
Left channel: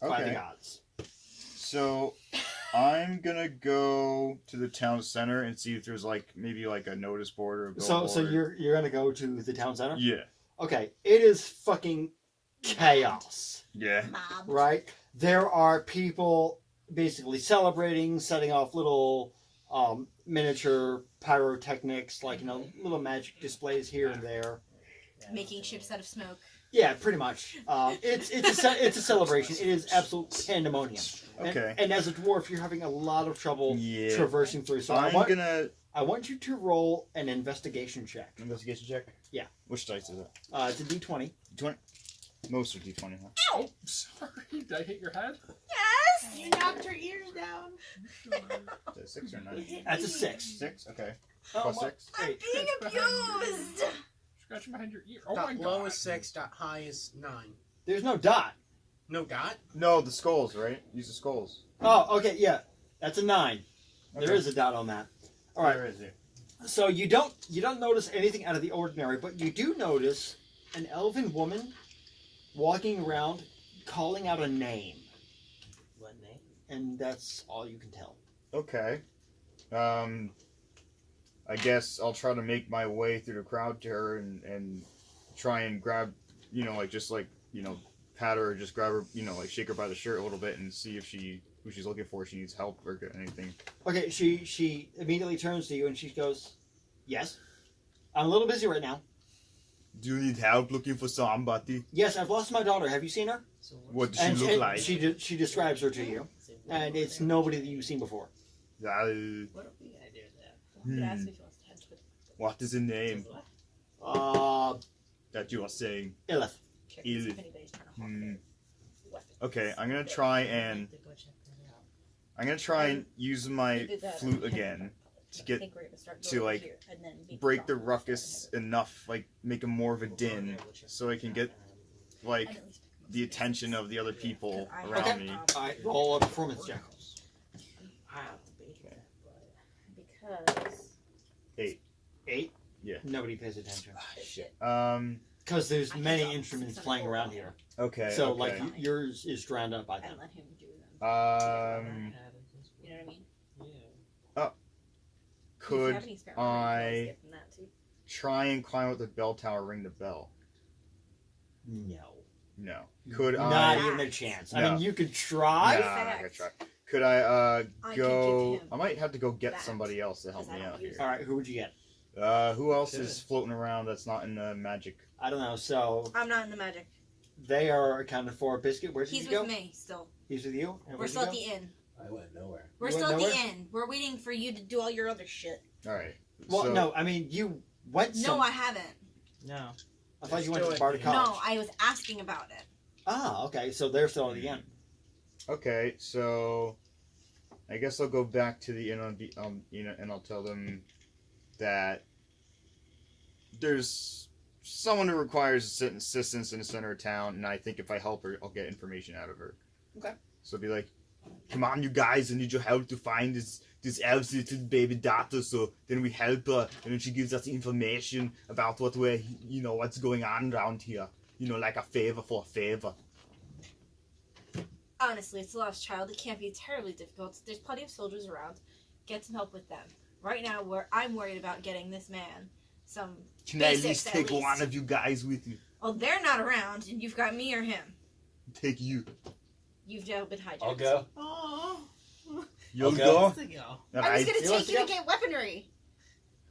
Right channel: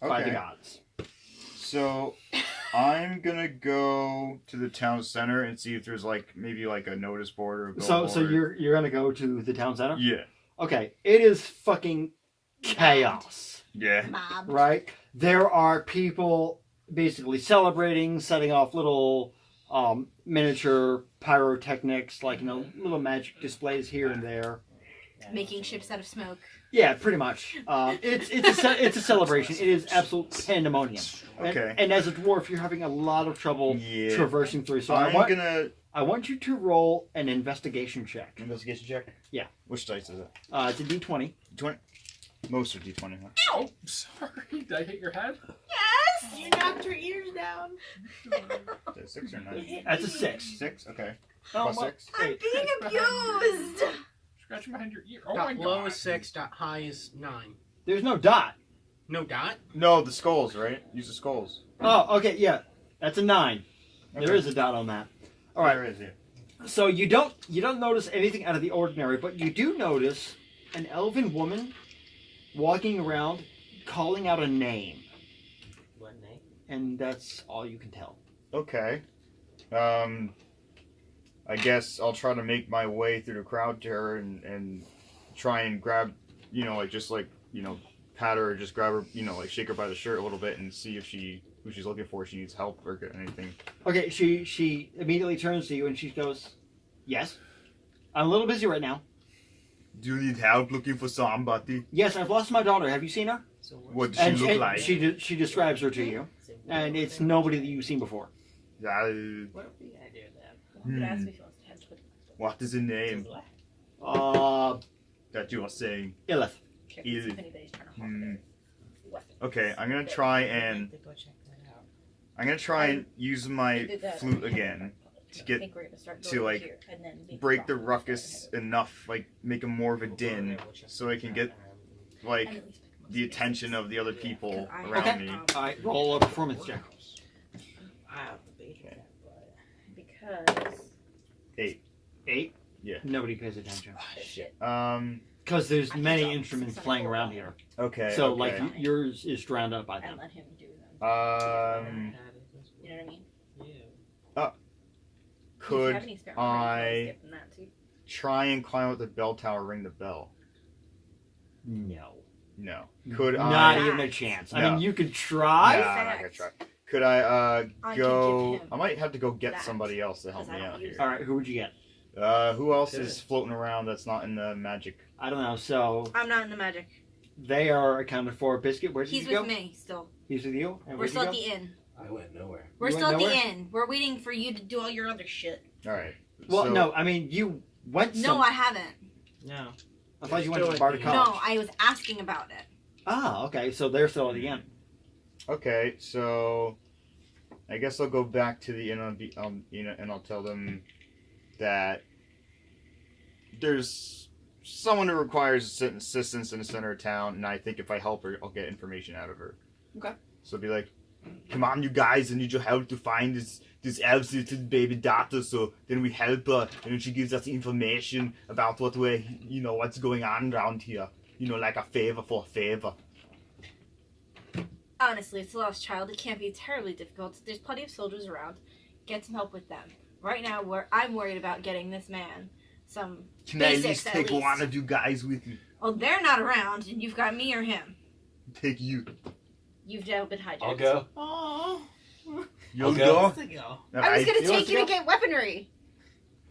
by the Okay. gods. So I'm gonna go to the town center and see if there's maybe a notice board or a billboard. So you're gonna go to the town center? Yeah. Okay, it is fucking chaos, Yeah. Mob. right? There are people basically celebrating, setting off little miniature pyrotechnics, little magic displays here and there. Making ships out of smoke. Yeah, pretty much. It's a celebration. It is absolute pandemonium. Okay. And as a dwarf, you're having a lot of trouble Yeah. traversing through. So I'm gonna I want you to roll an investigation check. investigation check. Yeah. Which dice is it? It's a D20. 20. Most are D20, huh? Oh, sorry. Did I hit your head? Yes! You knocked her ears down. Is it 6 or 9? That's a 6. 6. Okay. Oh, Plus my- 6. I'm being abused! Scratching behind your ear. Oh my Dot god. low is 6. Dot high is 9. There's no dot. No dot. No, the skulls, right? Use the skulls. Oh, okay, yeah. That's a 9. There Okay. is a dot on that. All right. There is, yeah. So you don't notice anything out of the ordinary, but you do notice an elven woman walking around calling out a name, What name? and that's all you can tell. Okay. I guess I'll try to make my way through the crowd to her and try and grab, pat her or just grab her, shake her by the shirt a little bit and see if who she's looking for, if she needs help or anything. Okay, she immediately turns to you and she goes, "Yes, I'm a little busy right now. Do you need help looking for somebody? Yes, I've lost my daughter. Have you seen her?" So What does And she look like? she describes her to you, and it's nobody that you've seen before. What are we gonna do then? You asked me if he wants to head to What is the name that you are saying? Illith. check Easy. if anybody's trying to hawk Hmm. their weapons. Okay, I'm gonna try and use my We did that flute in again I get think we're gonna start to, going like, here and then make break the rock ruckus enough, make a more of a din, so I can get and at least pick 'em up the some attention pieces. of the other people 'Cause I around have, me. All right, roll a performance check. I have to be here, Because 8. Yeah. Nobody pays attention shit. because there's I many can drop instruments 600 playing gold around on here. Okay. So okay. like yours is drowned out by And them. let him do them. Um, You know what I mean? Yeah. If you have could any spare armor, you can always I get from that too. try and climb up the bell tower, ring the bell? No, No. Could not I? even a chance. I No. mean, you could Nah, try. I'm not gonna try. Could I I could go? give him I might have to go get that, somebody else to help 'cause I me don't out use here. All right, who would you get? Who else is floating around that's not in the magic? I don't know. So I'm not in the magic. they are accounted for. Biscuit, where did He's you with go? me still. He's with you. And We're where'd still you at go? the inn. I went nowhere. We're You still went at the nowhere? inn. We're waiting for you to do all your other shit. All right. Well, so, no. I mean, you went. No, I haven't. No. I thought you went Still to at Barter the- College. No, I was asking about it. Ah, okay. So they're still at the end. Okay, so I guess I'll go back to the inn and I'll tell them that there's someone who requires assistance in the center of town, and I think if I help her, I'll get information out of her. Okay. So be like, "Come on, you guys! I need your help to find this elf's little baby daughter." So then we help her, and then she gives us information about what's going on around here. Like a favor for a favor. Honestly, it's a lost child. It can't be terribly difficult. There's plenty of soldiers around. Get some help with them. Right now, I'm worried about getting this man some. Can I at Basics, least at take least. one of you guys with me? Oh, they're not around, and you've got me or him. Take you. You've now been hijacked. I'll go. Oh, You'll Okay. go. let's go. I was gonna You want take to you to go? get weaponry.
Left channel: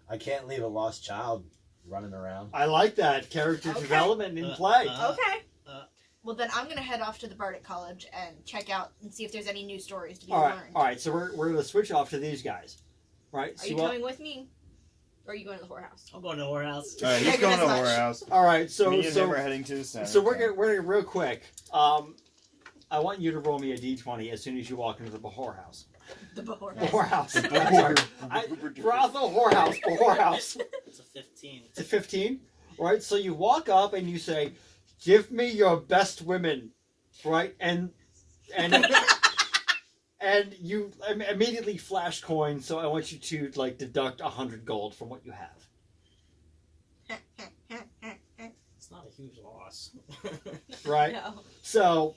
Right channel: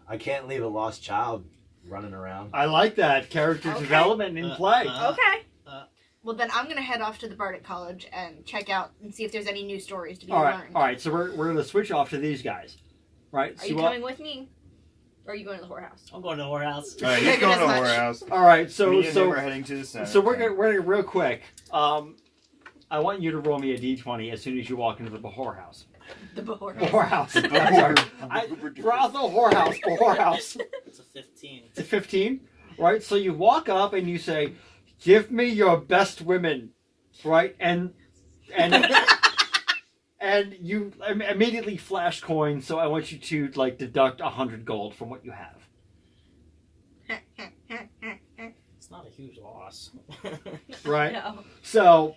I can't leave a lost child running around. I like that character Okay. development in play. Okay. uh. Well, then I'm gonna head off to the Bardic College and check out and see if there's any new stories to be All right, learned. all right. So we're going to switch off to these guys, right? Are So you what- coming with me? Or are you going to the whorehouse? I'm going to the whorehouse. All right, Yeah, he's going good to as the much. warehouse. all right. So Me and him so are heading to the center. so we're gonna real quick. I want you to roll me a d20 as soon as you walk into the whorehouse. The whorehouse. Whorehouse. Brothel whorehouse. Whorehouse. It's a 15. It's a 15, right? So you walk up and you say, "Give me your best women," right? And and you immediately flash coins. So I want you to like deduct 100 gold from what you have, It's not a huge loss. right? No. So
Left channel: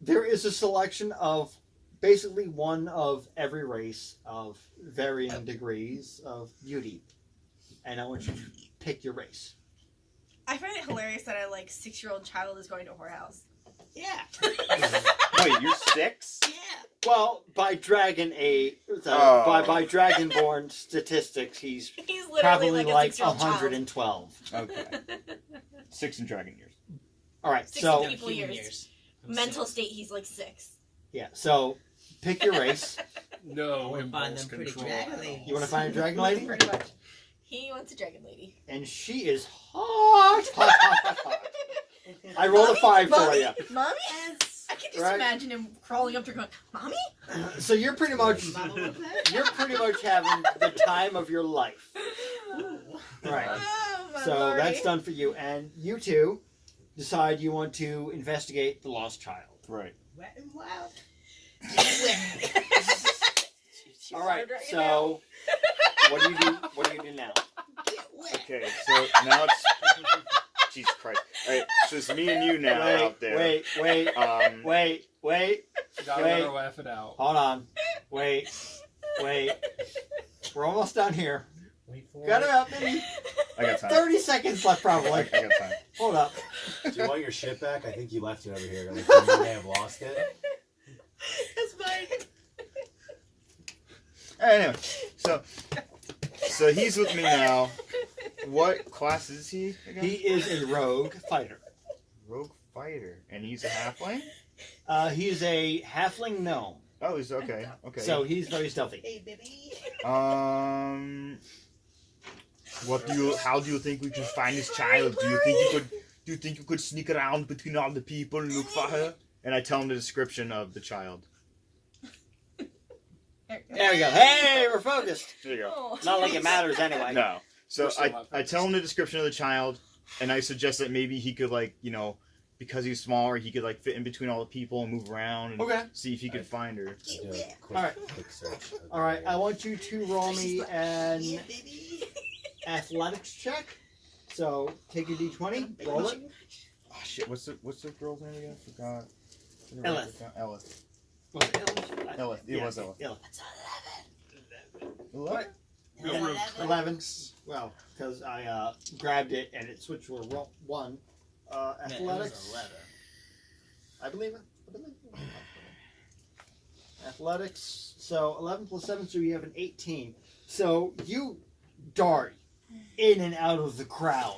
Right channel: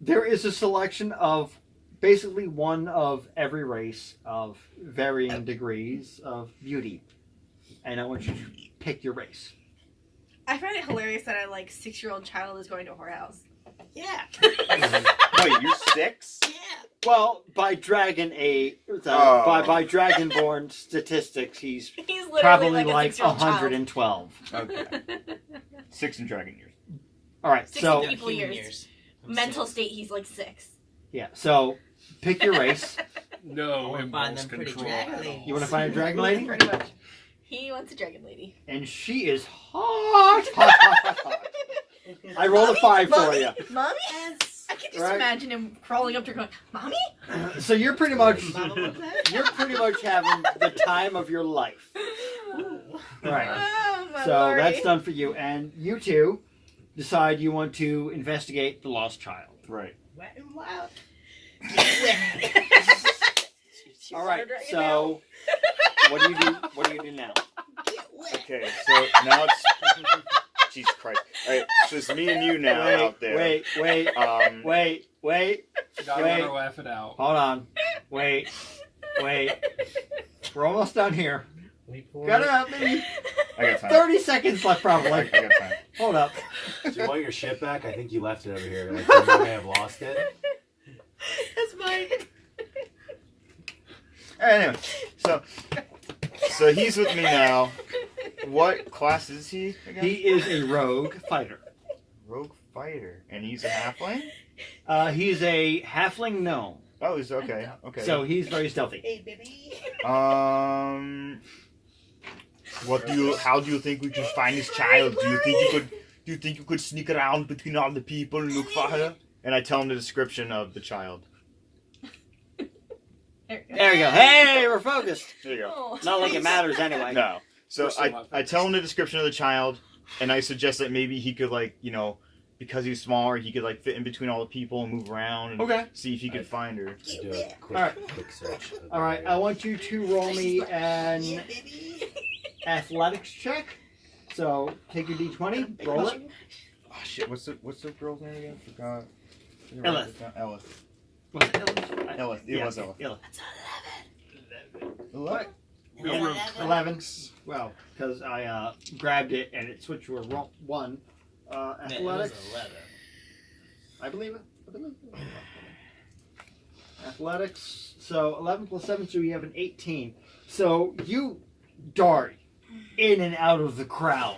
there is a selection of basically one of every race of varying degrees of beauty, and I want you to pick your race. I find it hilarious that a 6-year-old child is going to a whorehouse. Yeah. Wait, you're 6? Yeah. Well, by dragon Oh. by dragonborn statistics, he's He's literally probably like a like 6-year-old child. 112. Okay. 6 in dragon years. All right, 60 so people years. Mental state, he's like 6. yeah, so pick your race. No wanna find impulse them pretty control. dragon at all. ladies. You want to find a dragon lady, Pretty much. He wants a dragon lady. and she is hot. I rolled a 5 for Mommy? you. Mommy? I can just Right. imagine him crawling up to her going, Mommy? So you're pretty much having the time of your life. Right. Oh, my So lordy. that's done for you, and you two decide you want to investigate the lost child. Right. Wet and wild. All right. So what do you do? What do you do now? Okay, so now it's. Jesus Christ. So it's me and you now out there. Wait. Wait. Wait. Gotta let her laugh it out. Hold on. Wait. We're almost done here. Wait for Got it. about maybe I got time. 30 seconds left, I probably. got time. Hold up. Do you want your ship back? I think you left it over here. Like, you may have lost it. That's mine. Anyway, so he's with me now. What class is he again? He is a rogue fighter. Rogue fighter, and he's a halfling. He's a halfling gnome, Oh, he's okay. Okay. so he's very stealthy. Hey, baby. What do you? How do you think we should find this child? Do you think you could sneak around between all the people and look for her? And I tell him the description of the child. There you go. Hey, we're focused. There you go. Oh, Not like it matters anyway. No. So We're still not I tell him the description of the child, and I suggest that maybe he could because he's smaller, he could fit in between all the people and move around and Okay. see if he could find her. I do a quick, Alright. quick search. of the All right. area. I want you to roll me an athletics check. So take your d20, roll it. Oh shit! What's the girl's name again? Forgot. Elith. Elith. Was it Elith? Elith. It was Elith. Elith. What? Yeah, 11. Well, because I grabbed it and it switched to a 1. Athletics. 11. I believe it. Athletics. So 11 plus 7, so you have an 18. So you dart in and out of the crowd,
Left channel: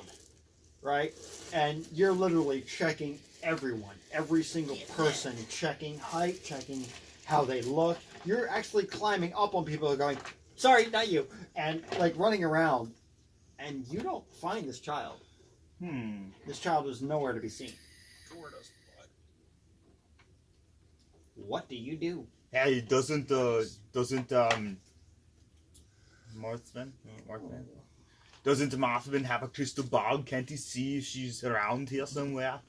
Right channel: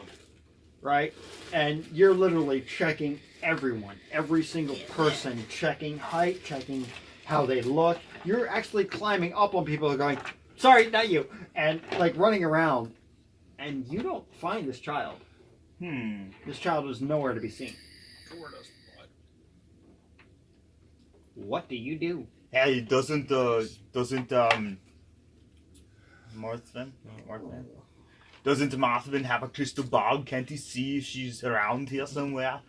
right? And you're literally checking everyone, every single person, checking height, checking how they look. You're actually climbing up on people who are going, sorry, not you, and running around. And you don't find this child. This child was nowhere to be seen. What do you do? Hey, doesn't Marthven? Doesn't Marthven have a crystal ball? Can't he see if she's around here somewhere?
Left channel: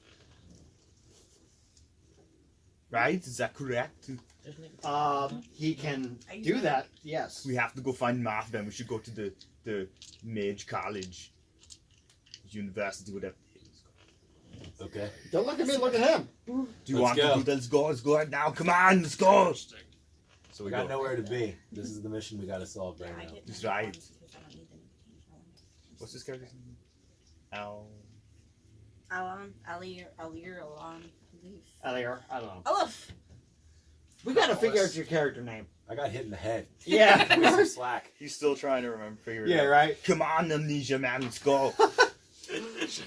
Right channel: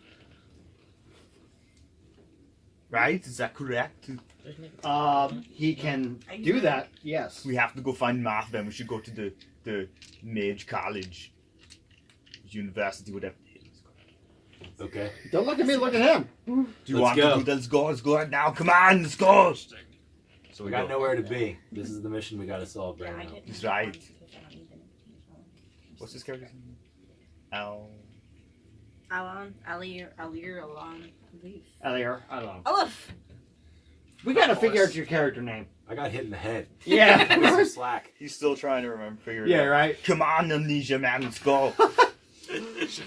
Right? Is that correct? He can do that. Yes. We have to go find Marthven. We should go to the Mage College, University, whatever it is. Okay. Don't look at me. Look at him. Do you Let's want go. to do that? Let's go right now. Come on, let's go. So We we got go. nowhere to be. This is the mission we got to solve right now. That's right. What's this character's name? Al. Alir, Leaf. Eliar, I don't know. Aleph. We gotta figure out your character name. I got hit in the head. Yeah. Give me some slack. He's still trying to figure it Yeah, out. right. Come on, Amnesia man, let's go.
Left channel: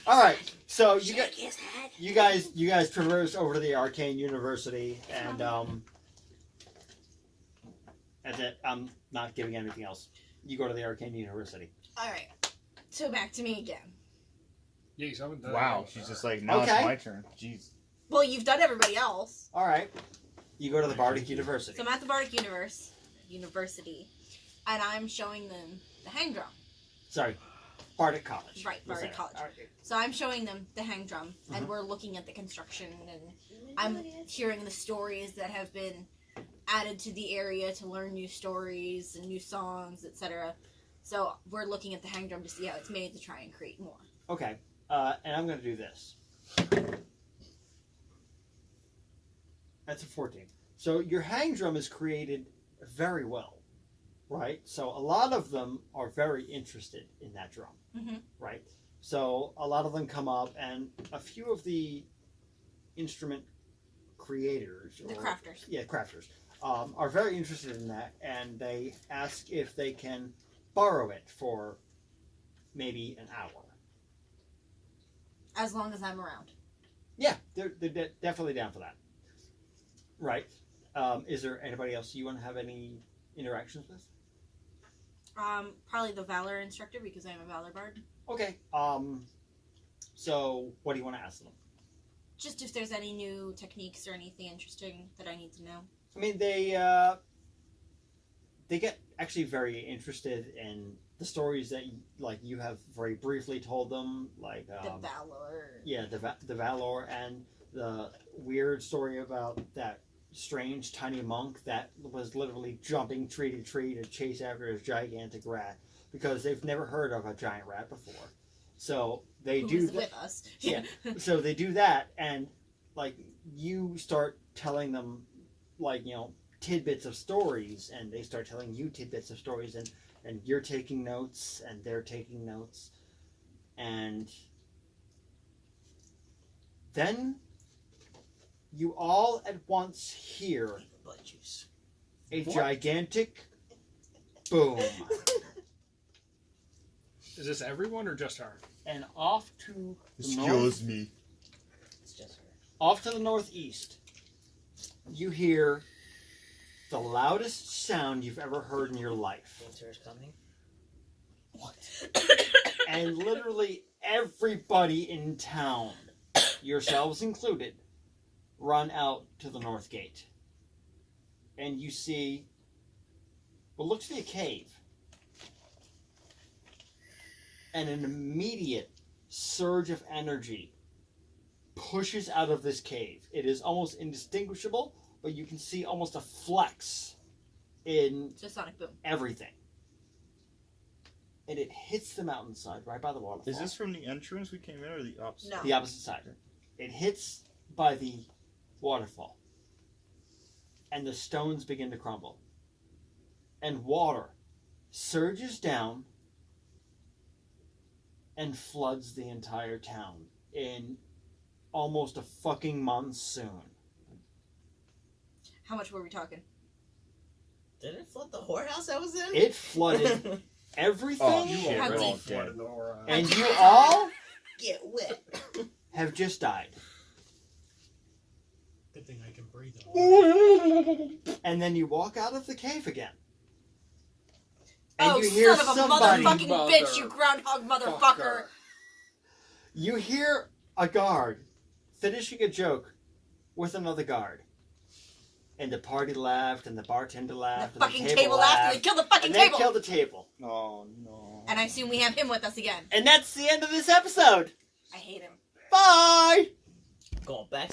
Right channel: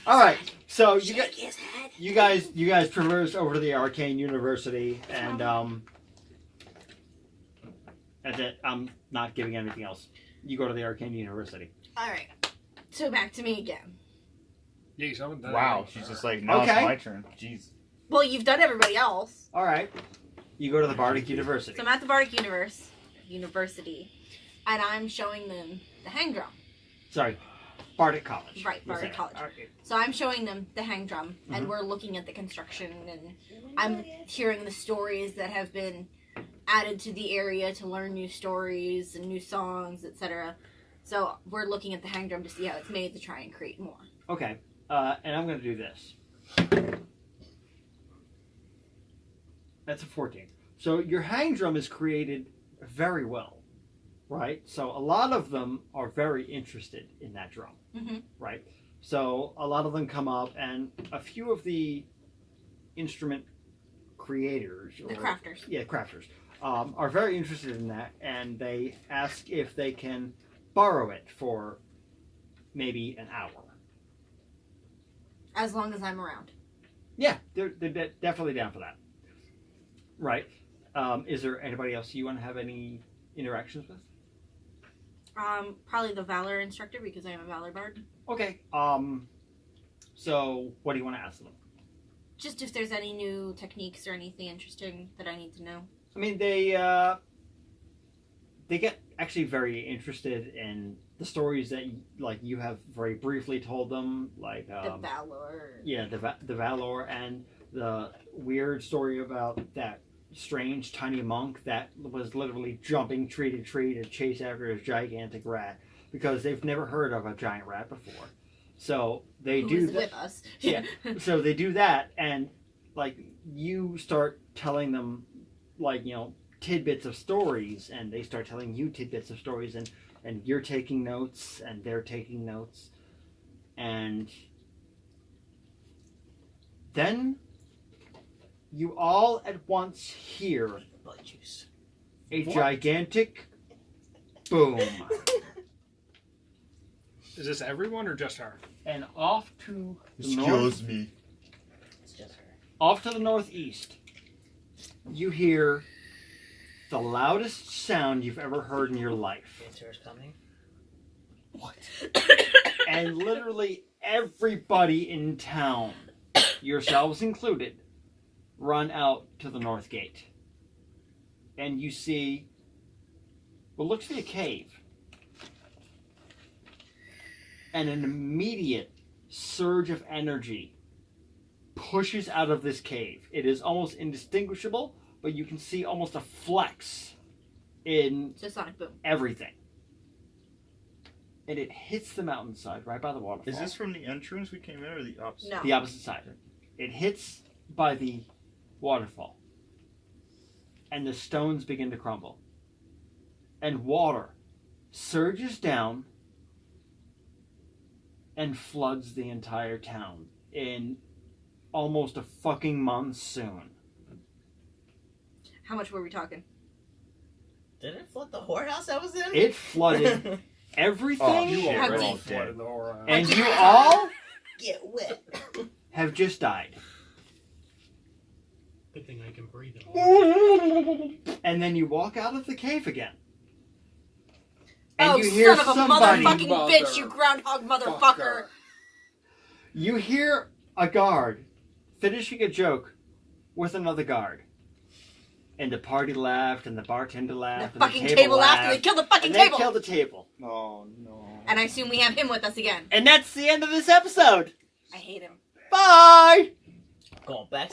All right. So you Shake his head. you guys traverse over to the Arcane University, and that's it. I'm not giving anything else. You go to the Arcane University. All right. So back to me again. Jeez, I haven't done Wow, anything. she's just like, now Okay. it's my turn. Jeez. Well, you've done everybody else. All right. You go to the Bardic University. So I'm at the Bardic University, and I'm showing them the hang drum. Sorry, Bardic College. Right, We'll Bardic say. College. Okay. So I'm showing them the hang drum, and we're looking at the construction, and I'm hearing the stories that have been added to the area to learn new stories and new songs, etc. So we're looking at the hang drum to see how it's made to try and create more. Okay. And I'm going to do this. That's a 14. So your hang drum is created very well, right? So a lot of them are very interested in that drum, Mhm. right? So a lot of them come up, and a few of the instrument creators, The crafters. yeah, crafters, are very interested in that, and they ask if they can borrow it for maybe an hour. As long as I'm around. Yeah, they're definitely down for that. Right. Is there anybody else you want to have any interactions with? Probably the Valor instructor because I'm a Valor Bard. Okay. So what do you want to ask them? Just if there's any new techniques or anything interesting that I need to know. I mean, they get actually very interested in the stories that you have very briefly told them, like The Valor. yeah, the Valor and the weird story about that strange tiny monk that was literally jumping tree to tree to chase after his gigantic rat because they've never heard of a giant rat before. So they Who do is that. with us. Yeah. So they do that, and like you start telling them, like, you know, tidbits of stories, and they start telling you tidbits of stories, and you're taking notes, and they're taking notes, and then you all at once hear Blood juice. a What? gigantic boom, Is this everyone or just her? and off to the Excuse me. It's just her. off to the northeast, you hear the loudest sound you've ever heard in your life. Winter is coming. And literally everybody in town, yourselves included, run out to the north gate. And you see what looks to be a cave. And an immediate surge of energy pushes out of this cave. It is almost indistinguishable, but you can see almost a flex in So Sonic Boom. everything. And it hits the mountainside right by the waterfall. Is this from the entrance we came in or the opposite? No. The opposite side. It hits by the waterfall. And the stones begin to crumble. And water surges down and floods the entire town in almost a fucking monsoon. How much were we talking? Did it flood the whorehouse I was in? It flooded everything, Oh, shit. How we're deep? all dead. and you all Get wet. have just died. Good thing I can breathe it. And then you walk out of the cave again. Oh, you hear son of a somebody. motherfucking Mother bitch, you groundhog motherfucker. You hear a guard finishing a joke with another guard. And the party laughed, and the bartender The laughed, fucking and the table laughed, laughed, and they killed the fucking and they table. killed the table. Oh no. And I assume we have him with us again. And that's the end of this episode. I hate him. Bye! Going back